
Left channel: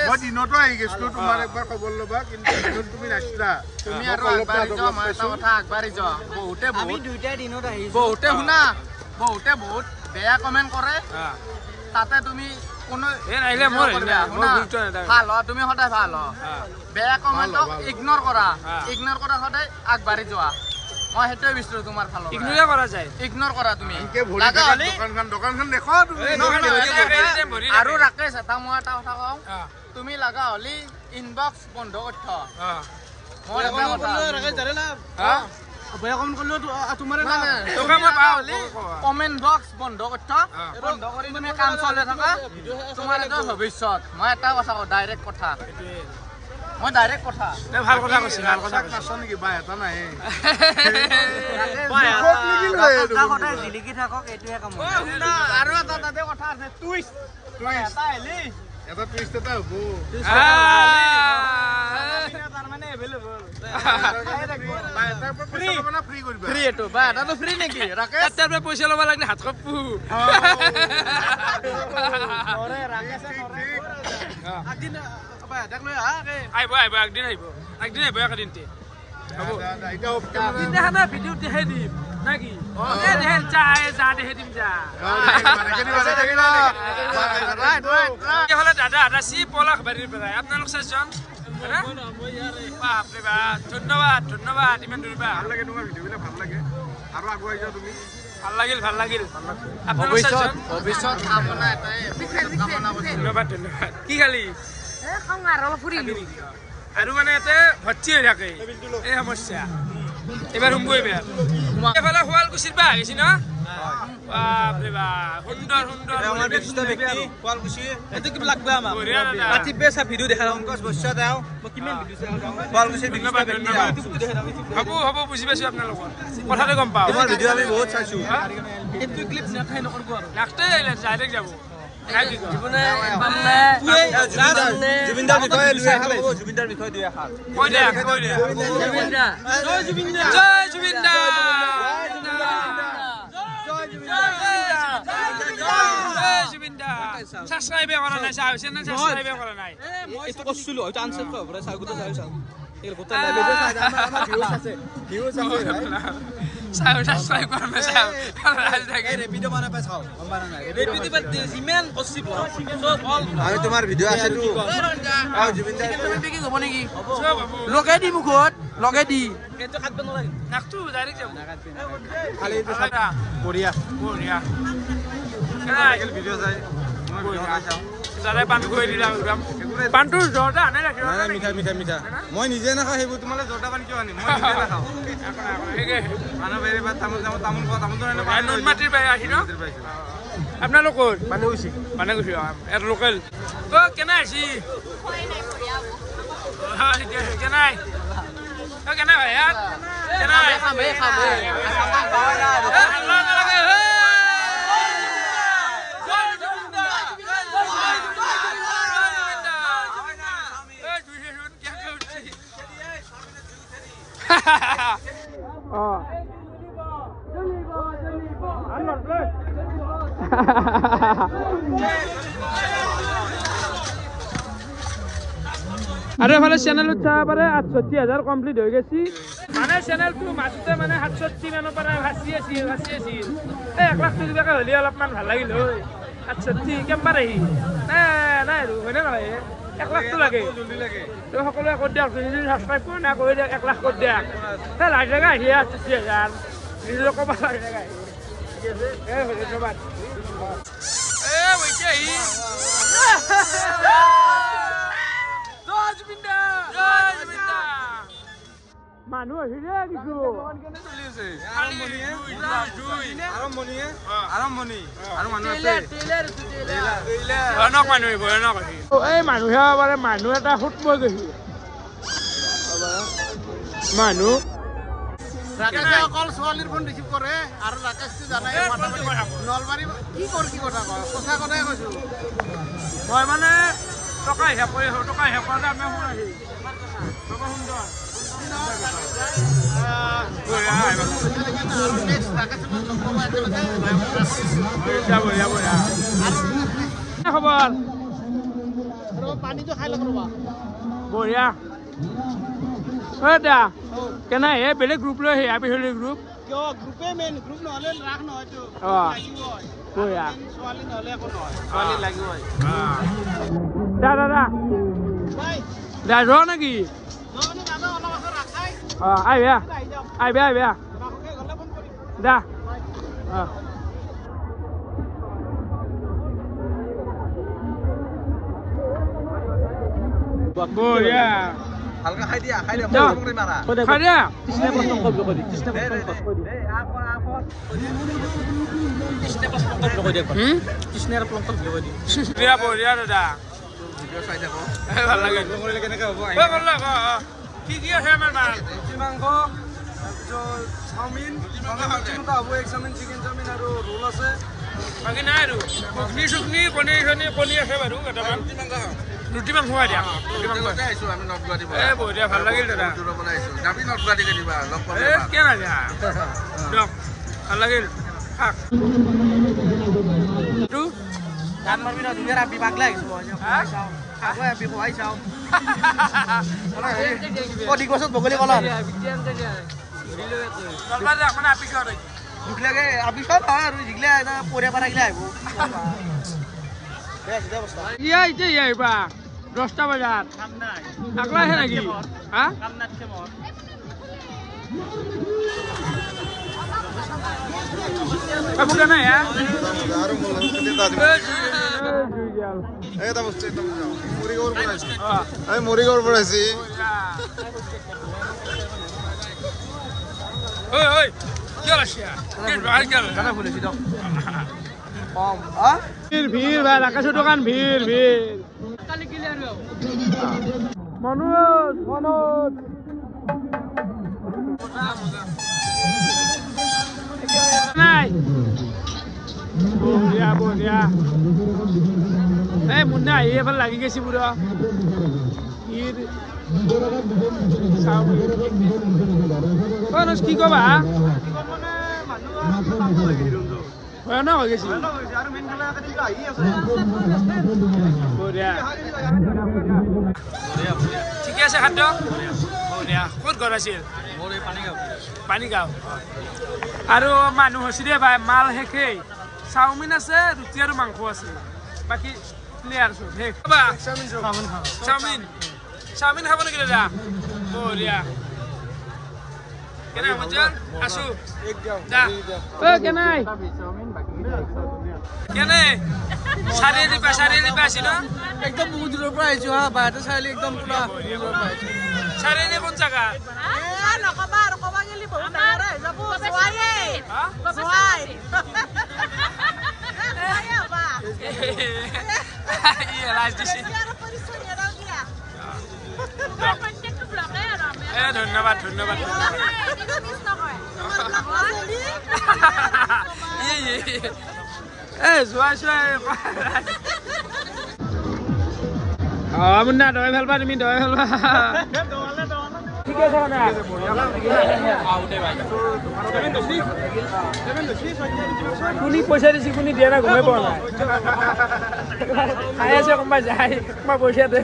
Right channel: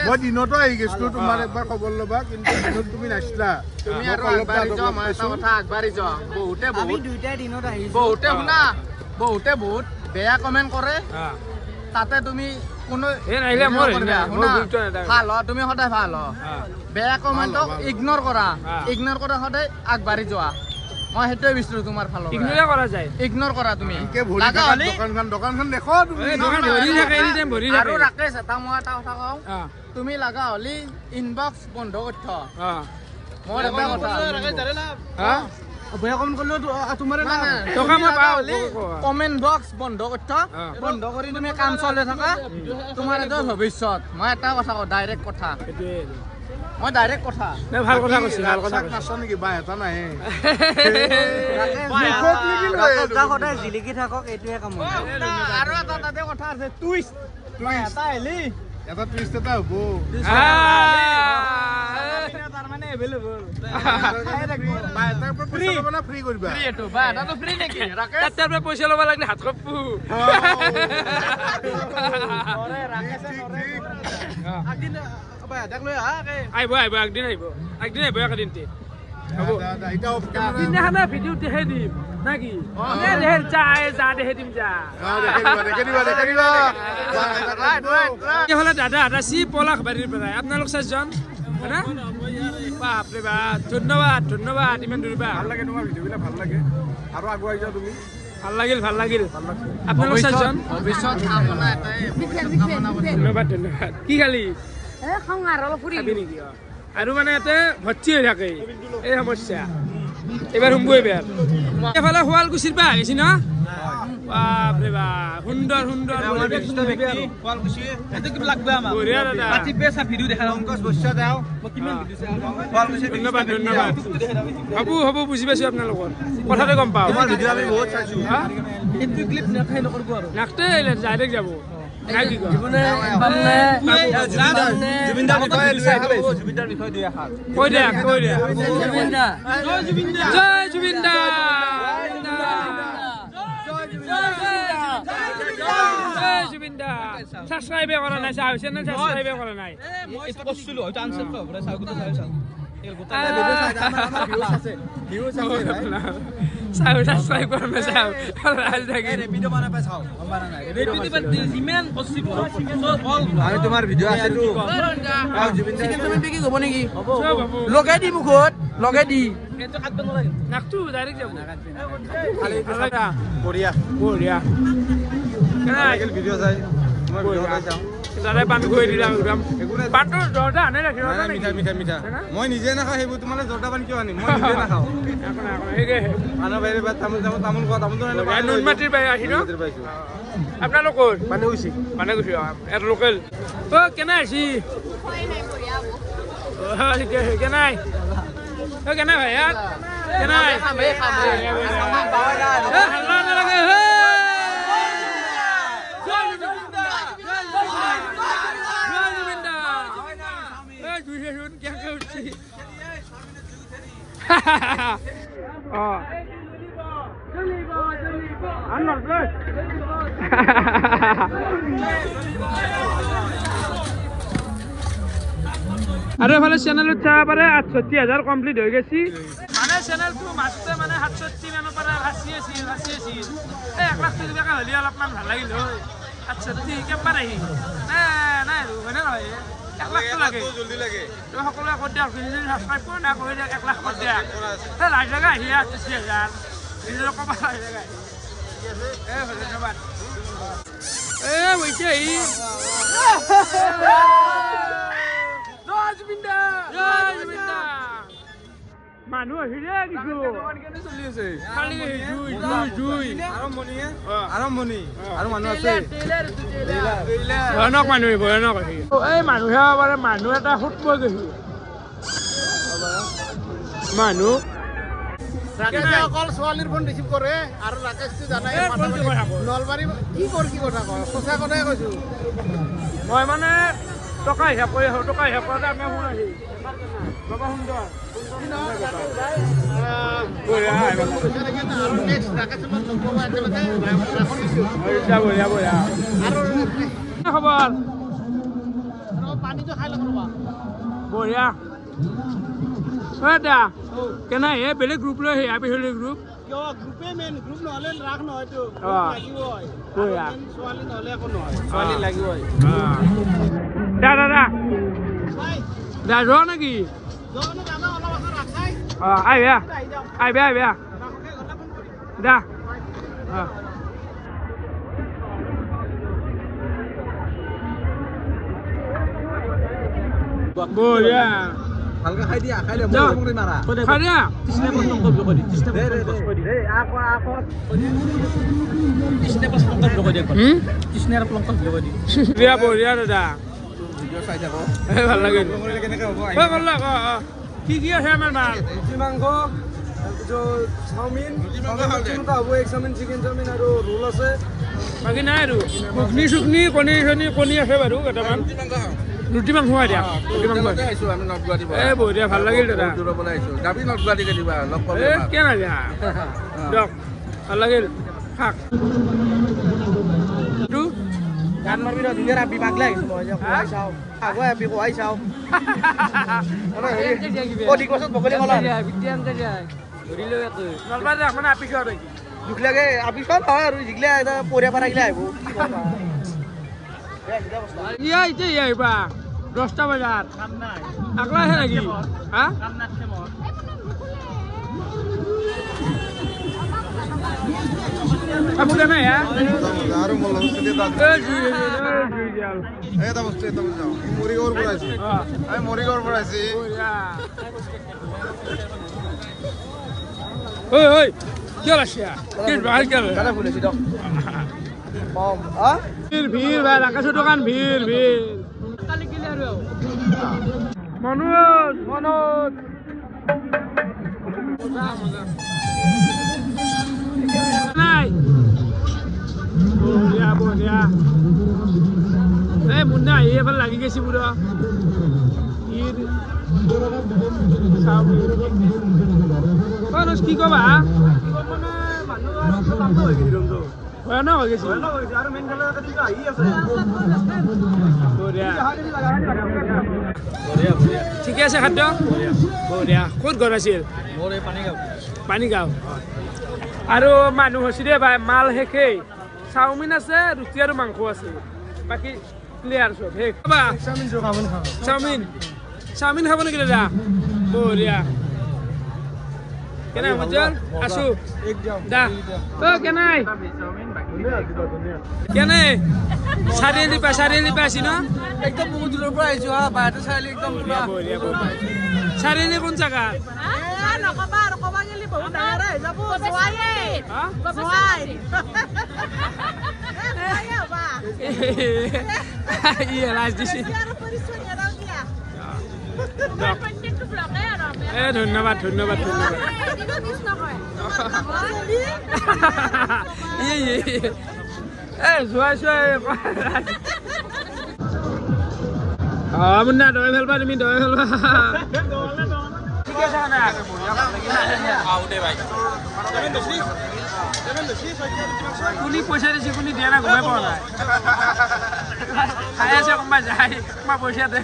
মই দিনতো আহি গৈছিলো তোমাৰ একবাৰ খবৰ ল'বা কিন্তু দিনত তুমি নাছিলা তুমি আৰু আগবাঢ়ি যোৱা মই এটা কথা আগবাঢ়ি যোৱা বহুতে শুনা বহুতে বহুত বেয়া কমেণ্ট কৰে তাতে তুমি কোনো ভাল হ তুমি সদায় ভাল হ বেয়া কমেণ্টক ইগনৰ কৰা সদায় আগবাঢ়ি যোৱা মই সেইটোৱে বিচাৰো তোমাৰ ফালৰ ইগনোৰে কৰা যায় ইগনৰ কৰা তুমি লাগা হলি দোকানখন দেখো তুমি আৰু ৰাকেশ এটা মই এটা কথা কওঁ তুমি লাগা হলি ইনবক্স বন্ধ কৰি থ মই এটা কথা কমেণ্ট বক্স বন্ধ কৰি থ বন্ধ কৰি তুমি কাম চলাই থাকা তোমাৰ এটা ভৱিষ্যত মই এটা কথা কওঁ ডাইৰেক্ট কথা মই ডাইৰেক্ট কথা ভাল কথা কৈছে ভাল কথা কৈছে নাচ নেকি বা এটা নাহে সদায় জিলিকি থাকক এইটোৱে কাম আৰু এটা তাতে কথা আছে টুইষ্ট মই এটা আহিলি এটা টুইষ্ট এটা হ'ব তাৰমানে এভেইলেবল ফ্ৰী কৰিবা ফ্ৰী এইটো বা এটাটো ফ্ৰী নেকি ৰাকেশ তাতে আপুনি পইচা ল'ব লাগিলে হাত কপু আহিব একদিন আহিব একদিনতে হ'ব দিনাখানা ভিডিঅ দেখাই দিম নাকি যা দেখাই দিম যা দাদা আদাচি পলাশবাৰীৰ পৰা আপোনালোক 4জন হয়না বাপৰে বাপ ধন্যবাদ ইমান দূৰ পৰা ভাল লাগে তোমাৰ ভিডিঅ'বিলাক ভাল লাগে আৰু আগুৱাই যোৱা তুমি ভাল লাগিল আপোনালোক 4জন ধন্যবাদ কি খালি আৰু মানে ইয়াতে ভৰ্তি হৈ থাকে এই সমস্যা এবাৰ সোমবো এইফালে শুৱালকুছিৰ পৰা আহিছি ন বাপৰে বাপ সুন্দৰ বঢ়িয়া দাদা ধন্যবাদ হ'ব বুজি পাইছো আপোনালোকৰ কথাটো গম পাওঁ নাকতে ডাইৰেক্ট যাব সাবস্ক্ৰাইব কৰা নাই চেনেল সাবস্ক্ৰাইব কৰা নাই এইটো কৈছিলো হয়তো আনসাৰ পাব পৰা চাগুটো চাও সাবস্ক্ৰাইব কৰা নাই চাও ৰাজ থাকি তোমাৰ ভিডিঅ' আছে তো কি হ'ব নেকি সব হ'ব লগাই দি মুখত লগাই দি নাকটো ডাইৰেক্ট যাব ভাল লাগা বঢ়িয়া বঢ়িয়া ভিডিঅ' চাই মই ভিডিঅ' চাই মজাৰে পাণ খুৱাই দিলাম একদম পাণটো জৰ্দা আনে ৰাখি জৰ্দা নেকি মই নিজে নাখাওঁ সেইবোৰ তোমালোকে জৰ্দা পানী কিয় আনিম মই নিজে নাখাওঁ মানুহ বাহিৰে বা তামোল খোৱা তামোলটো নুনমাটিৰ বাহিৰে আহি ন আপোনালোকৰ পানীগুচি ইয়াত লোকেল কেনে আছি কেনাই কেনাই ভাই ইয়াত কেনাই হাল্লা নালাগে আৰু এফালে চেনেলত চাব পাৰে ৬৮,০০০ কমপ্লিট হৈ গৈছে মানে চেনেলটো মাজতে মানে ৬৭ মানৰ পৰা ভাচি আছিল এই ১ লাখটো কিবাকে হ'লে অলপমান ভাল লাগিল হয় ৬৮ কেম্পাৰ আহি নাই আৰু হয়নে নহয় 1 লাখটো লাগে তো সকলোৱে কৰি দিয়ক যদি ছাবস্ক্ৰাইব কৰি না কৰি দিয়ক 1 লাখ কৰি দিয়ক লাখ জেগা আহি ৮৬,০০০ নিজে ক'ব লাখ জেগা আহি ধন্যবাদ হৈছে আহি মানুহ আহিলে কিছু আৰম্ভণি আৰু মানুহ আছে ভয়ানক আহি এই মানুহে পাৰে মানুহ এটা সুত মই গৈছে মানুহ ৰাকেশে অকল ছোৱালীৰ ফোন ৰিচিভ কৰে আৰু ৰাকেশটো জানাই নলবাৰী কি কথা কয় সঁচা কথাই কৈছো মই মানে টকা হিসাব কৰি আহোঁ টকা হিসাব কৰোঁতে আপোনাৰ ফোন আহিল বাবা সুন্দৰ খবৰ বঢ়িয়া দা কেনে হে বেলেগ গ্ৰুপ লৈ আহে পিছলি গ্ৰুপ দাদা যোৱা নেকি আহিবা দা বঢ়িয়া ভালকে খাই দিয়া খাই দিয়া বঢ়িয়া দাদা ভাল লাগিল কি আছে আমাৰ মাল ৰুটি মাংস তাৰপিছত চাওমিন হ'ব এগ চাওমিন চিকেন চাওমিন আৰু ৰোল আছে বাকী নাই আৰু চুকনি কণী আছে বাৰু কেইটামান ৰুটি মাংস খুৱাই দিয়া ৰুটি মাংস বঢ়িয়া ভাল লাগিল দাদা কেনে দিয়ক ভাল লাগিল শাক গান মাৰিবি ন ধুনীয়া ৰাবি পাগলা আহিছোঁ মই খুৱাই চাওঁ খাব আবি খুৱাই চাওঁ অধিক বছৰত বগলী কলা নলবাৰী মানে আপিছত দুখ লাগে আপিছত হয় আৰু যিগিলা পৰিয়া পাৰাগিলা আহিব এতিয়া আহিবা 10টা বজাত আগলা আহে নেকি হা কাপোৰ নাই হা মৰিগাঁৱৰ পৰা আহিছে ভিৰ ভাই ৰাকেশৰ দোকান ভিৰ মনোজ নাই বঢ়িয়া এই মুন্না আহি এফালে লাগি গৈছে পুৰা কি কবা ভয়ানক হৈ গৈছে ঠিকে আছে খাদ্য বঢ়িয়া ক'ত ঘৰ আছিল পানীগাঁও আৰু মানুহ হৈছে দে ভাই মাল শেষেই চাওমিন আছে ৰুটি আৰু মাংস আছে বাকী ক্লিয়াৰ চব শেষ চাওমিন খাব নেকি দাদা বঢ়িয়া কেনে মজল আসু দা ও কেনাই কেনে চাৰিআলি পাইছি ন একদম বহুত দূৰৰ পৰা আহিছো হা বাহিৰতে চাৰিআলি একদম পুৰা চাৰিআলি কোন জাগা নকবা আৰু কবা গেলি বহুত ডাঙৰ হৈ যাব ধন্যবাদ মুন্না দৈ ভাল পা তুমি দৈ ভাল পা ঠিক আছে কোনি পইচা দিছি কোনি দিয়া না গমে পোৱা নাই খাই আছে কোনোবা যায় কোনোবা পইচা দে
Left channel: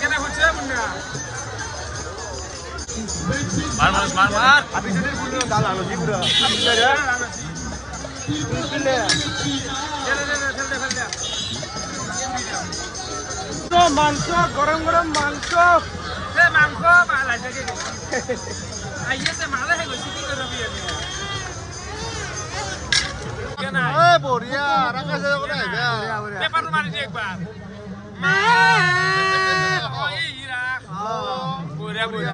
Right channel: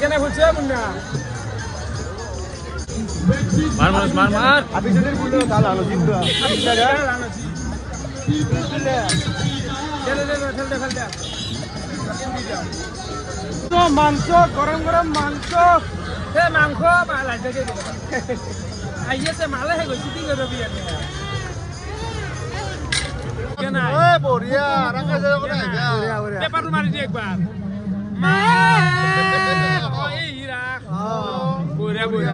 কেনে ফুটছে মুন্না মার আপিসের বললো দাল আলো মাংস গরম মাংস মাংস আইছে মালে হয়ে গেছে কি করবি বঢ়িয়া পেপার মারি দি একবার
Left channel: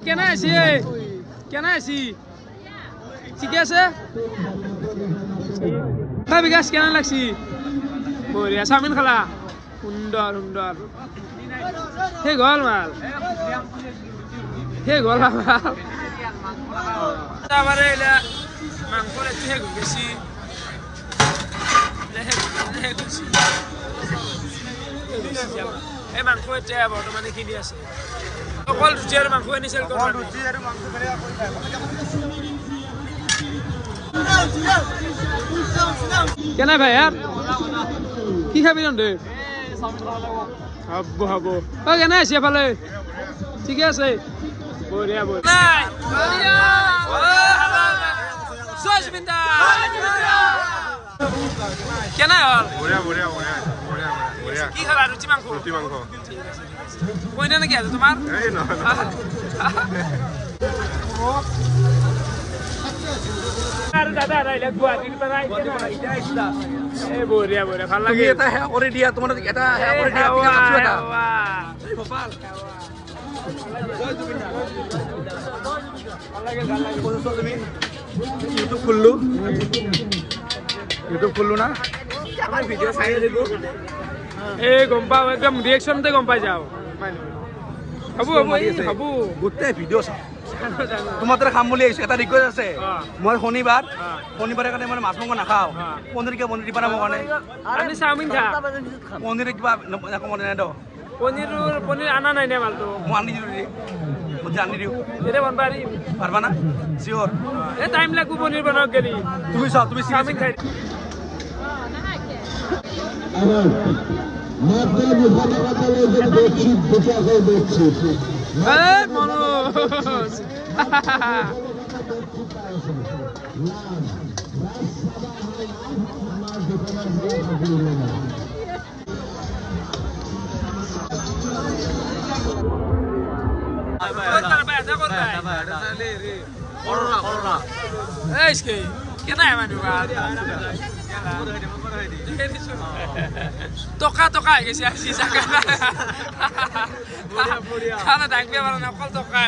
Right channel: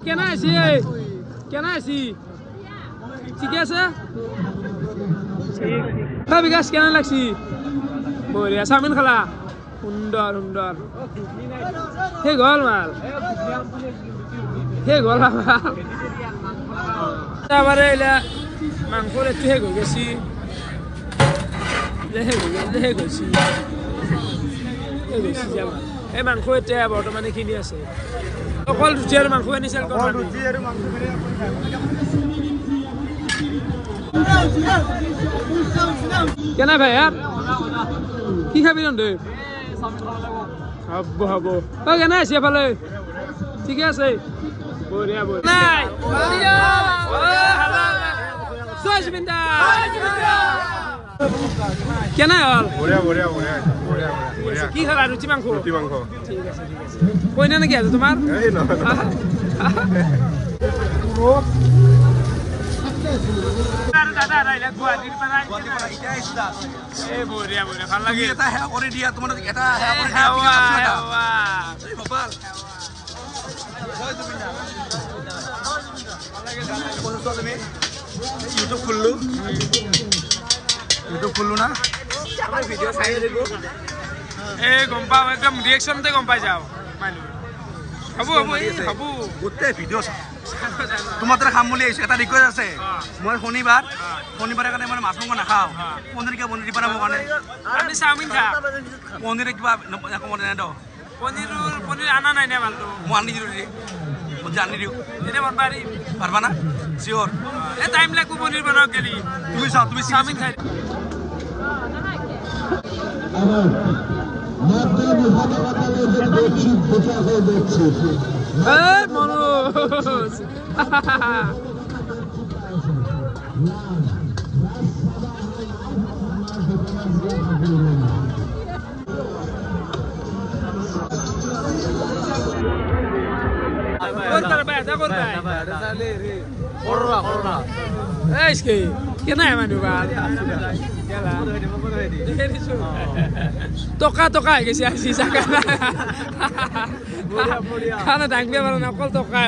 কেনা আছি ঠিকে আছে বিকাশ কেনা লাগছি বঢ়িয়া চাওমিন খালা সুন্দৰ সেই গ'ল মাল তাৰপৰে মাংস একটু হে গেছি এই মাংস এতিয়া বৰ্তমানে কিনি আছে অকল ৰুটি আৰু মাংস আনিছে কেনে ভাই কি খাবি তহঁতে হব কেনে আছে এফালে ঠিকে আছে বঢ়িয়া কেনে হল কি খালা ৰুটি মাংস কইনা নেকি আছে তোমাৰ আৰু দাদা আহিলে গুৱাহাটীৰ পৰা বঢ়িয়া ভাল লাগে এটা হে কৰি দিয়া তোমাৰ এটা ইউটিউব খুললো না এই গম পাও একদম ৰিয়েকশনতে গম পাই যাও হব গোটেই ভিডিঅ' চাওঁ তোমাৰ তাতে খাম বুলি আহিছে এটা ৰিকুৱেষ্ট আছে মই শনিবাৰে কাৰণে মানে মাছ মাংস নাখাওঁ পনীৰ দিবা না মোৰ কাৰণে আমি চাওমিন খা পনীৰ কিবা কমত নাই দ পনীৰ আনা নাই নে মালটো মই আনি দিলোঁ মই আনি দিওঁ এতিয়া বন পাৰিম পাৰবা না চিয়'ৰ এই টাইম লাগব পনীৰ বনাওক গেলি তুমি চাওঁ তুমি চাওমিন খাই মনোজ কেনে মানুহ ভাল টকা হৈ গৈছে আজি জাগা খানা দাঙিব পাৰা নাই অকল টকা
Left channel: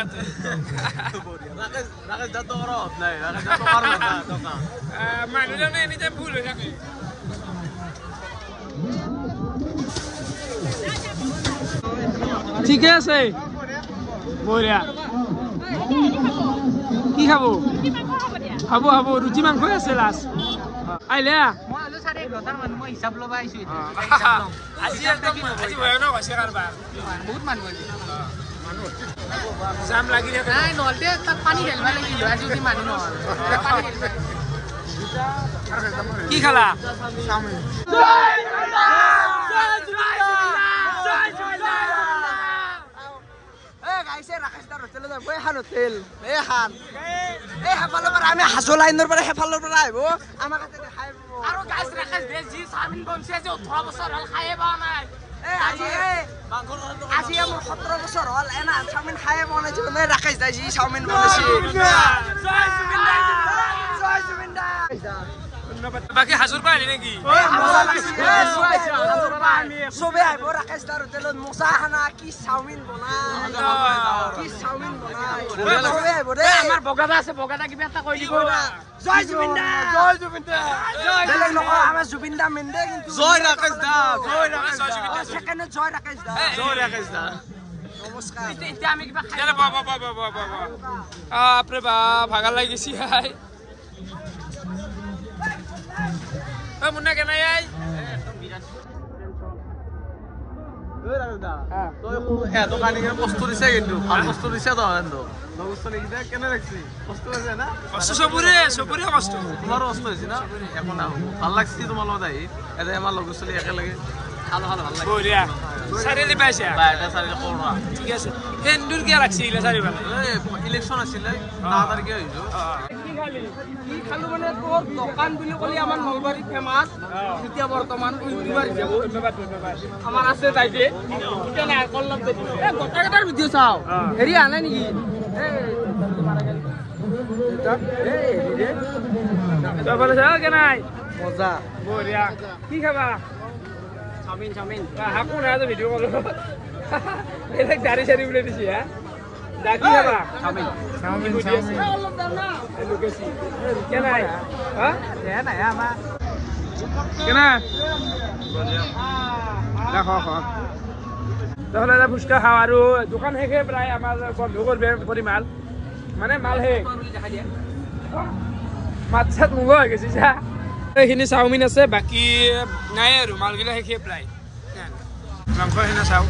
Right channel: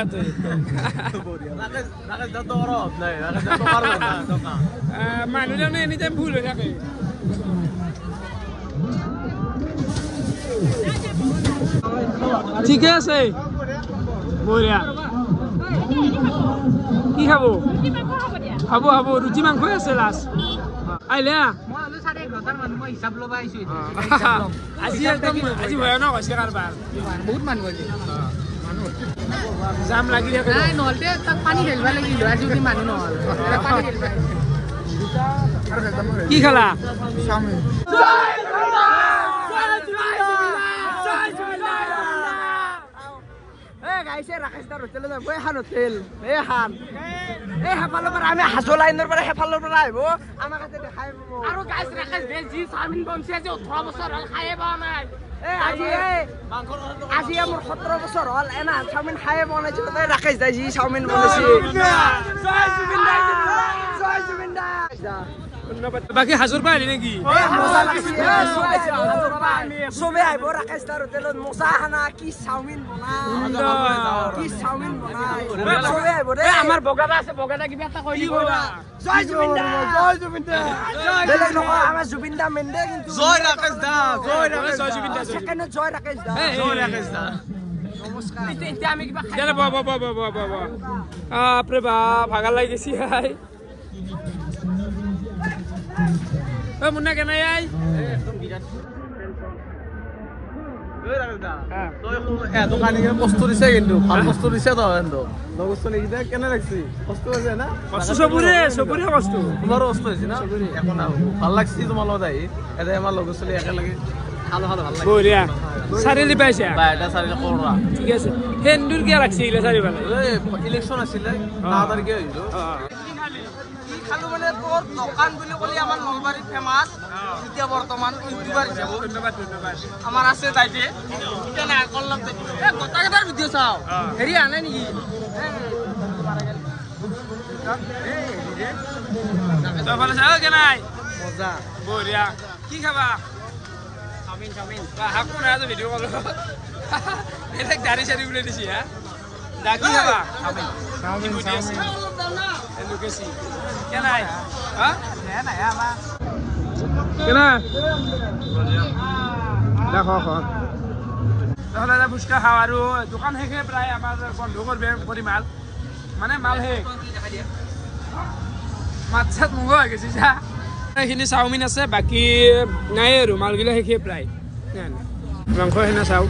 মানুহজনে এনি টাইম ভুল হৈ থাকে ঠিকে আছে বঢ়িয়া কি খাব খাব ৰুটি মাংসই আছে লাষ্ট আহিলে আজি একদম আজি ভয়ানক হৈছে কাৰবাৰ বহুত মানুহ আজি জাম লাগি থাকে নহ'লে পানী ঢালিব লাগিব যদি মানুহ নহ'লে কি খালা চাওমিন সেইফালৰ পৰা আমি হাজো লাইনৰ পৰা সেইফালৰ পৰা আহিব আমাক আৰু গাইছ ৰাকেশ যি চাওমিন বনছে যে 18 বছৰ হ'ল খায়ে পোৱা নাই আজি মোৰ 17 বছৰ হ'ল এনা চাওমিন খায়ে বনাইছো মানে ৰাকেশ দাই যি চাওমিন বনাইছে জয় জুবিন দা জয় জুবিন দা বাকি হাজোৰ পৰা আহিলি নেকি চবে আহিব ৰাকেশ দাৰ হোটেলত মজা খানা কি চাওমিন বনাই চবে আহিব দেই আমাৰ বগাদা আছে বগাদা কিবা এটা কৈ দিব জয় জুবিন দা বেলেগ নকয় আমাৰ জুবিন দা মেন দে কিন্তু জয় ৰাকেশ দা জয় জুবিন দা সেকেন্ডে জয় ৰাকেশ দা এতিয়া আমি কিবা খাই বাপৰে বাপ ভাগাৰ লাগি গৈছি হাই মুন্না কেনে আই বস্তু দিছে কিন্তু ভাল বস্তু দিছে তো বস্তু নেকি কেনে লাগছে বস্তু আছে না বস্তু চবৰে বস্তু তোমাৰো বস্তু হৈছে না একো না ভাল লাগছে তোমাৰ লগত আহি এটা আমাৰ লগৰ ছোৱালী একেলগে খালো ভাল লাগে বঢ়িয়া চাৰিলি পাইছে এটা চাৰিটা কৰোৱা ঠিক আছে হেন্দুৰ কিয় লাগছে এইগিলা চাৰিফালে ইলেকশ্যন আছিলে 9 তাৰিখে হৈছো কি খালি কি খালো মানে তোৰ দোকান বুলি ক'লে আমাৰ নলবাৰী ফেমাছ এতিয়া বৰ্তমান ইউটিউবাৰ হিচাপে ধন্যবাদ আমাৰ আছে তাইতে এতিয়া নাই কল্লব দে এ গোটাকেইটাৰ ভিডিঅ' চাওঁ হেৰি আনে নেকি তই ফালে চাও কেনাই মজা বঢ়িয়া কি খাবা চাওমিন হাকো নাই তো ভিডিঅ' কল বেলেগ দাড়ি চাৰি উলাই দিছি হা দা কি খাবা চাওমিন কি বুদ্ধি আছে লুকেছি কেনাই হা নাই আমাৰ কেনা দেখো তাহলে এটা ফুচকা খাওঁ আৰু দোকান শেষে প্ৰায় আমাৰ বন্ধ কৰি মাল মানে মাল শেষ মাত চাত মুগা হৈ গৈছে যা এইখিনি চাওমিন আছে বাকী নাই আৰু মালগিলা শেষে প্ৰায় মাংস সেনা চাওঁ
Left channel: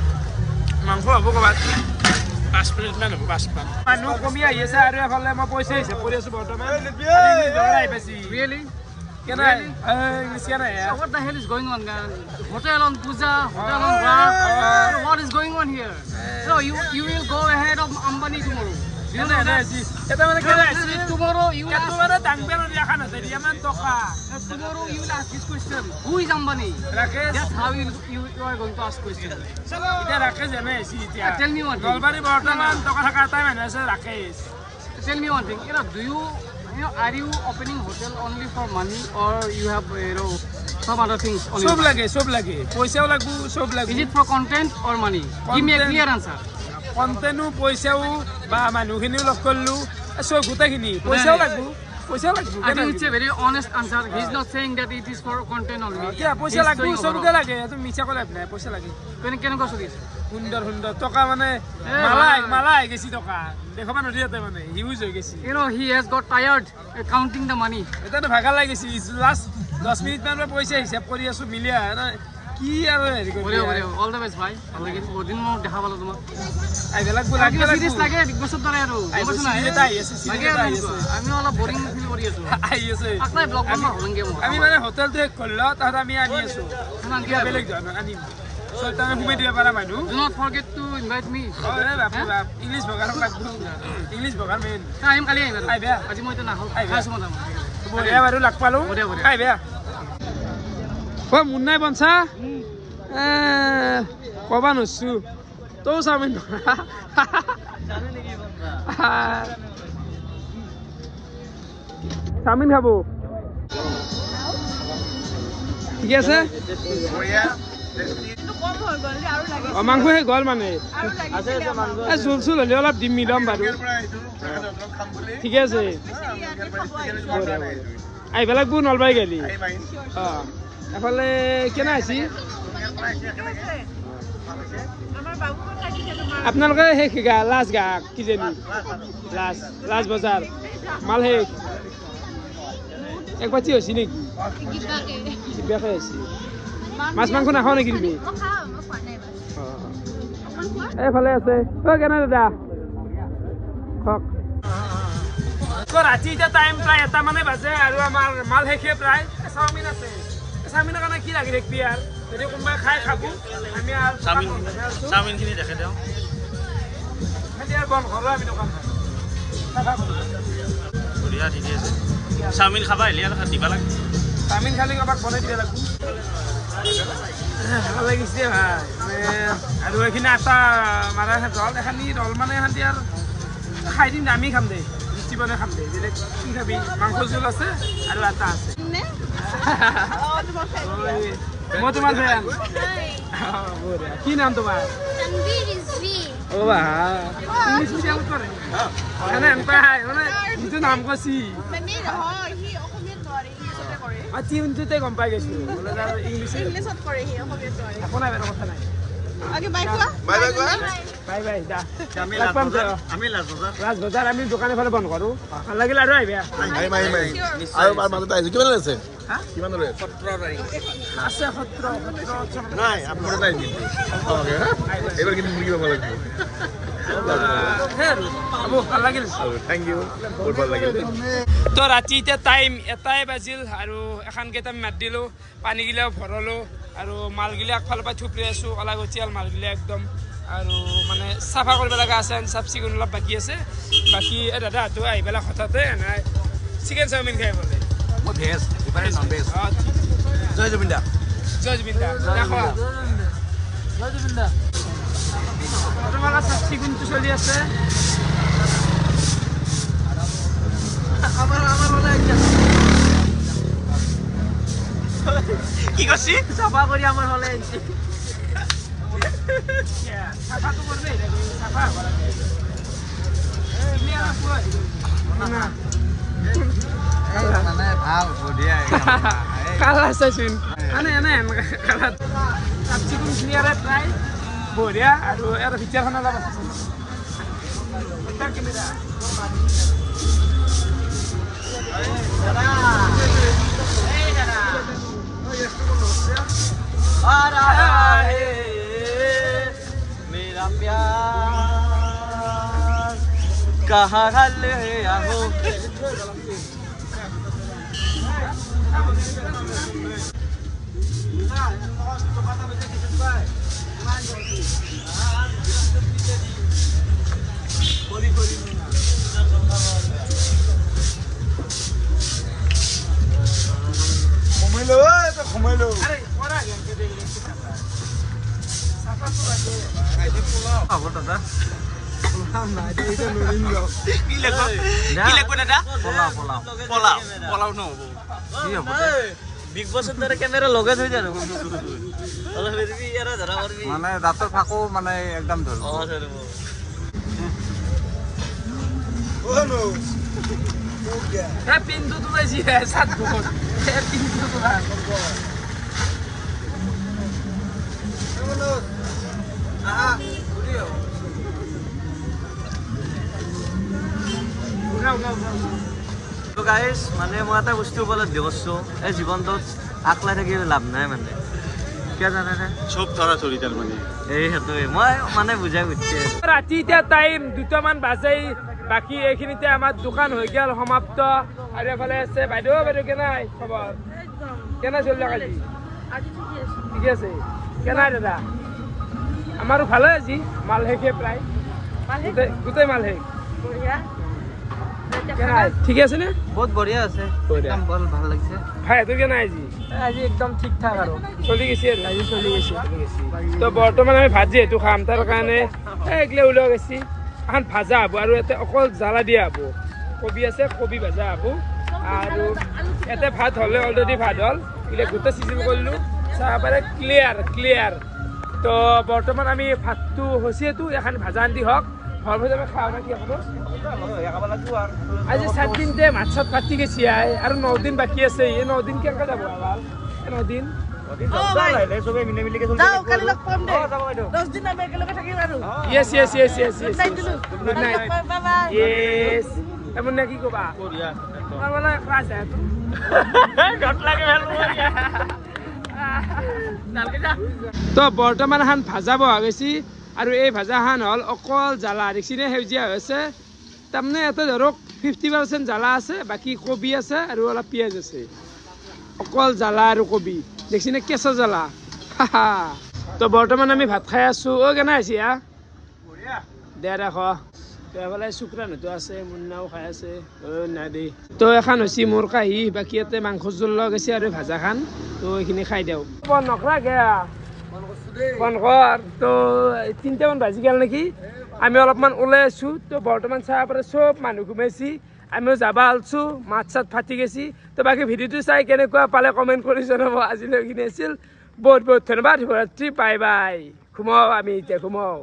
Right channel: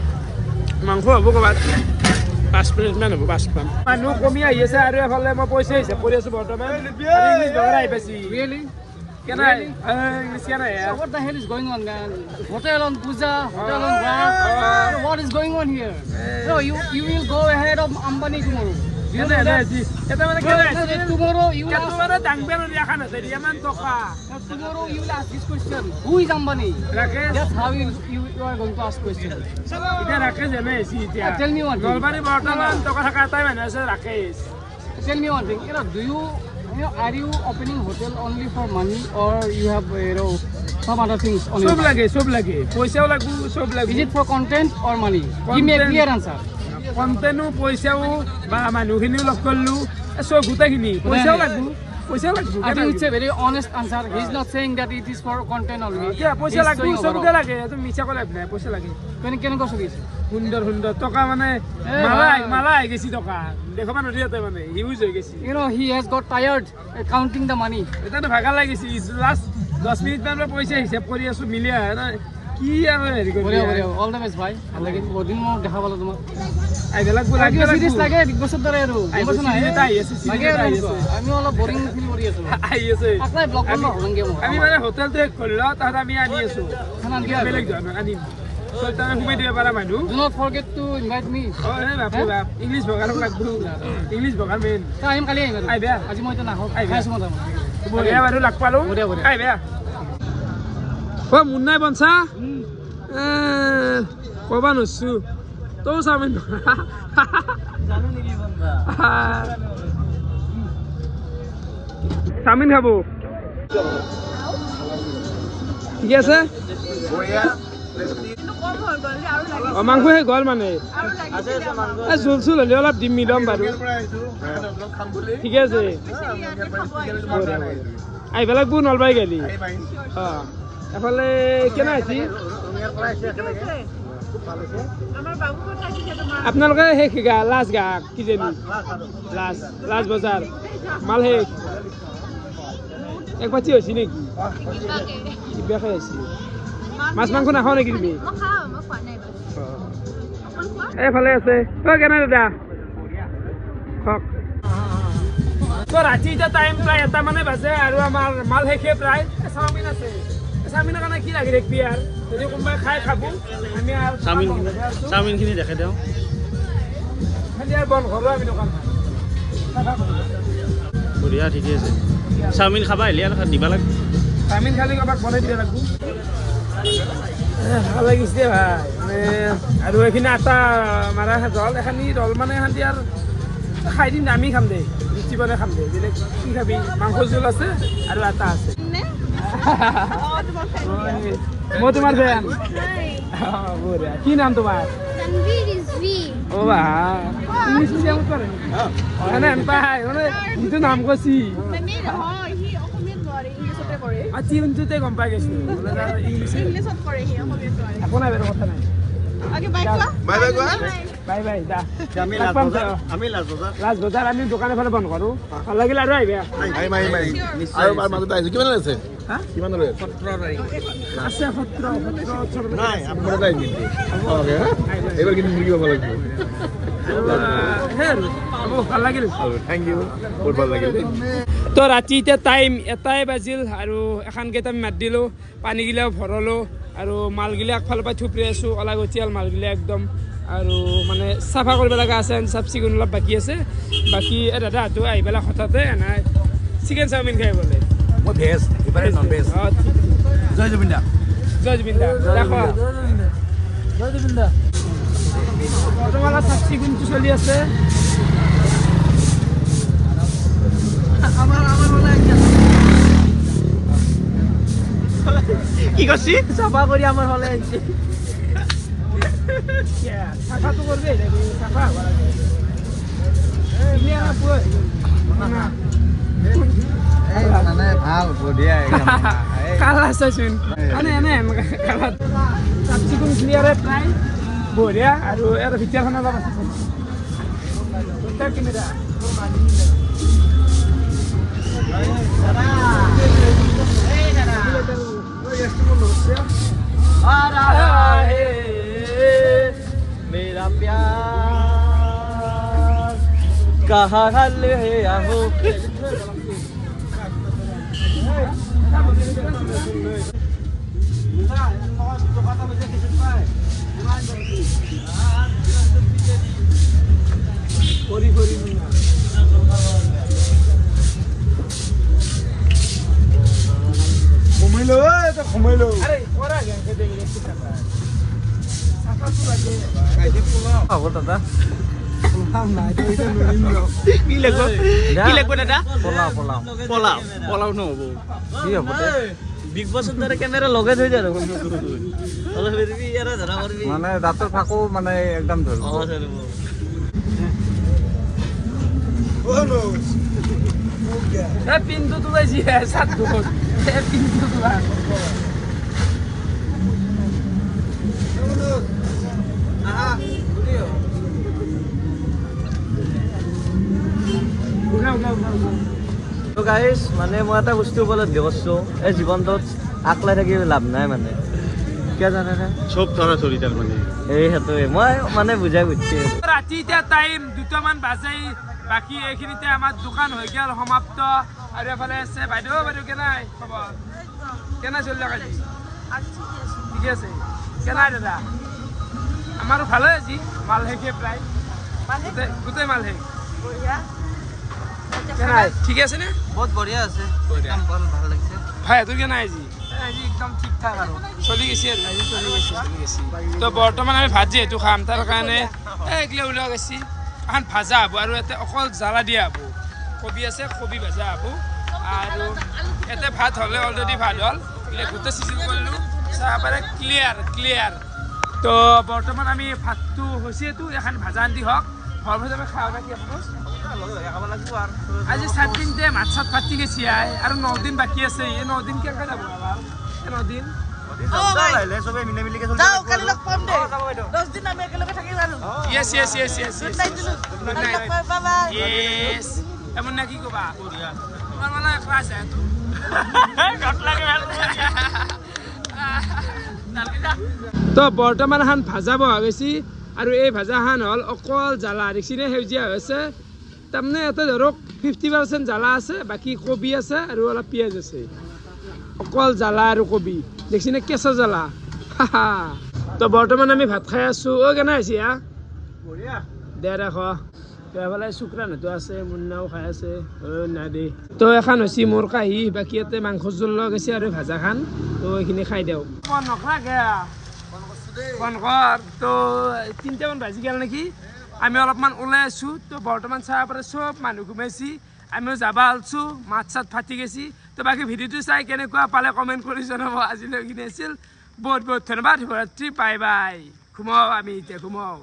মাংস হ'ব ক'ৰবাত 5 প্লেটমান হ'ব 5 প্লেট মানুহ কমি আহি আছে আৰু এফালে মই পইচা হিচাপ কৰি আছো বৰ্তমান ইংলিছ বগাৰ আহি পাইছি Really? কেনাই ইংলিছ কেনাই What the hell is going on, man? Hotel on Puja, hotel on Ras. What is going on here? No, you will go ahead of Ambani tomorrow. You know that? Tomorrow you will ask. Tomorrow you will ask this question. Who is Ambani? That's how you are going to ask question. Tell me one thing. Tell me one thing. Are you opening hotel only for money, or you have some other things on your mind? Is it for content or money? Give me a clear answer. Content, paisao, ba manuhini log kollu, so gutaখিনি paisao lagbu. I think it's a very honest answer. He's not saying that it is for content only. Yeah, paisa lagbu, sobuke lage. Eto micha kole apne, paisa lage. Can go this? Hundar toka mane malai gesi toka. Dekho mane riyate mane huge hoy gesi. You know, he has got tired counting the money. Eta to bhagal lagesi. Last 10 minute man paisa hisab kori asu milia na ki aru heri kori. All the best, bhai. Like it, bodin mo dekha palo tomar. Ai belak bula serious lage big boss dare aru. আমি অলপ boring feel কৰি আছো। আই আছে। আকলাই blog বন্ধ হলংগে মই। আমি মানে hotel তে খল্লা তাত আমি আনি আছো। খানান কি বেলেগ জন আনিম। সো তানে ঘুমে দিব পাৰা মানুহ। Do not forget to invite me. বাপৰে বাপ ইংলিছ বগাৰ লাগব। ইংলিছ বগাৰ মেন। টাইম কালি আহিবা। আই বেয়া। আজি মই তো নাখাও। খাইছো মই। বঢ়িয়া বাৰু লাগ পালো। আই বেয়া। ও মুন্নাই বনছা? কবা নছু। তো চাওমিন চাওমিন খাবো ঠিক আছে মাংস শেষ গ'ল মানে জোল চোল হ'লে অলপ দিম মিলাম বাৰু ঠিক আছে আহিব লাগব নলবাৰী গাড়ী এফালে কেনে আহিছি আপোনালোকে শেষ গা লাষ্ট গা কিজানি লাষ্ট বজাৰ মাল শেষ এক বাতি হৈছে নেকি কিবাকে হৈছে মাছ মাংস নাখাওঁ নেকি তুমি এইফালে আছে কেনে দাদা কওক ৰাতি এতিয়া টাইম প্ৰায় 1টা মানে বাজে আৰু আমাৰ মাল শেষে প্ৰায় চাওমিন আছে চাওমিনৰ কাৰণে কি লাগি ৰাখবি আৰু যদি কোনোবাই খাই খাব আমি আৰু চাওমিনখিনি দেখাই দিওঁ আৰু বন্ধ কৰোঁ আমি দোকান বঢ়িয়া ঠিকে আছে চাওমিন খাবা আহিলে আৰু দিবা লাগে চাওমিন খালি কাৰোবাক বনাই দিব লাগিব ভাল লাগিছে ভাই মানে আৰু এইখিনি আটা মাৰা জল এখানি ৰল মানে এখান আৰু খাই দিম আমি খাম দে লুচি বনাই খাম দে বেলেগ কি খাবি মাংস জোল আছে আৰু আটা আছে মই তোমাৰ ফেন কি নাম তোমাৰ ইংলিছ মিডিয়াম কৰে মানে এনেকুৱা মানে যিটো নাম কৈছি গম পাই গৈছো একো নাই বাৰু কথা নাই আমি দোকানে ফেলে বন্ধ কৰো ভাল লাগিল আৰু আহিবা আছে 17 তো ৰাতি এতিয়া টাইম 1 বাজিল আৰু এখন কেইটা মাত দিলো পানী গিলাও ভৰলো আৰু মালগিলা আগফালৰ পৰা থুপৰি আছো অলাগতিয়াল মালগিলা একদম আৰু মানে চাফা কৰিব লগা আছে চাফ চিকুণ অলপ বাকী আছে বাকী দাদা হাতো আহি পেলাই হঠাতে এনাই চিকেন চাওমিন খাই বোলে মই ভেজ ইবাৰে নন ভেজ জয় জুবিন্দা দেখো জয় জুবিন্দা বৰ্তমান চাফ চিকুণটো চলি আছে কি কৈছি চাফা কৰি আমাৰ হলে আনছি চাফাটো কৰবে চাফা ভাল বঢ়িয়া চাফ চিকুণ ক্লিয়াৰে প্ৰায় বঢ়িয়া আৰু ইয়াৰ ভিতৰখন অলপ আছে কেমেৰা मेरा प्यार कहाँ हल है आहो ঘুমাইলো আরে ওরা গেছে দেখলে কি কথা সাফা তো লাগে আবো দাদা কি লাগবো দাদা পোলাও নহব কি হব বিগ বছৰ দৰে কেমেৰা লগাই থৈ দিয়া মানে ৰাতি থাকো মানে একদম ধৰিব pintu tu lagi satu pintu tu lah তো গাইস মানে মই এটা বস্তু উপলব্ধি কৰিছো এই জীৱনটোত আকলাই থাকি লাভ নাই মানে কিয় জানে না সব ধৰা ধৰি তাৰ মানে এই হেতুৱে মই মানে বুজাই বুজিছো ৰাতি এতিয়া টাইম 2 মান বাজে বাকি এইখিনিতে আমাৰ দোকান হৈ গেল সমাপ্ত আৰু এফালে আছে বাইদেউ কেনাই খবৰ একদম কেনা চলি আজি ঠিক আছে কেনাই দাদা আমাৰো ভালে আজি মাল হেকে প্ৰায় গোটেই মাল হে বঢ়িয়া কেনাই ঠিক আছে নে বহুত বঢ়িয়া আছে একদম ভাল লাগিছে ভাই তোৰ কেনাই আজি একদম ঠিক ঠাক আৰু চলি গৈছে আজি চলি গৈছে তো বৰ্তমান আমি ভাত যেহেতু খাম তাৰ কাৰণে একলে ওলাই গৈছি এখন ভাজা হব আৰু এতে অকল জ্বালা দিয়া হব কবি আছে কবি ভাজা হব আৰু এতে ভাত হলে অলৰেডি ভাত হল এটা গোটা সিজিল কৰিলো চাহপাৰে ক্লিয়াৰ তো বৰ্তমান আমি ভাতটো হৈছেতো এখন ভাজা আনি হওক ভাল ভাজা আমি খাওঁ নাকি আপোনাৰ আজি 7 দিনতে মাছ চাত পাতি গেছি আৰু 9 দিন বাকী আছে এই 9 দিন কেনেকৈ যাব ভাল এই 9 দিন Yes. Good night. Yes. Emang nak ikut pak? Ya. Mana kelas ya tu? Dot lagi malu. তো বৰ্তমান হান ভাজা বহা গৈছি আৰু এই ভাজা হান হল অকল জ্বালা দেখিনে সেউজীয়া হৈছে তাৰমানে এটা ধৰক 50% জ্বালা আছে বাকি কবি আছে আৰু অলপ পিয়াজ আছে অকল জ্বালা আৰু কবি দেখিনে কেঁচা জ্বালা তো বৰ্তমান আমি ভাত খাই আছো ও কেনে আছে বঢ়িয়া দে ৰাখ এফালে শুক্ৰানটো আছে মুন্নাও খাই আছে না দে তো এখন হৈছে মোৰ কাহি বাকী ইয়াতে মাংস জোল লগ আছে আৰু ভাজা খান তো এইখিনি খাই দিওঁ নকৰা গে ফোন কৰ তো 3টামান বাজি গেল নেকি আমি অলপমান ওলাই আছো তো বৰ্তমান চাই পৰে সব মানুহ ঘুমাইছি আমিও যাবা আলছো মাছ চাত ফাটি গেছি তো বাকি ভিডিওটো চাই কেনেকুৱা পালে কমেন্ট কৰি জনাব আজিলৈ কিনে আছিল বহুত বহুত ধন্যবাদ শুভৰাত্ৰি বাই বাই ঘুমাও আমি এতিয়া ঘুমাও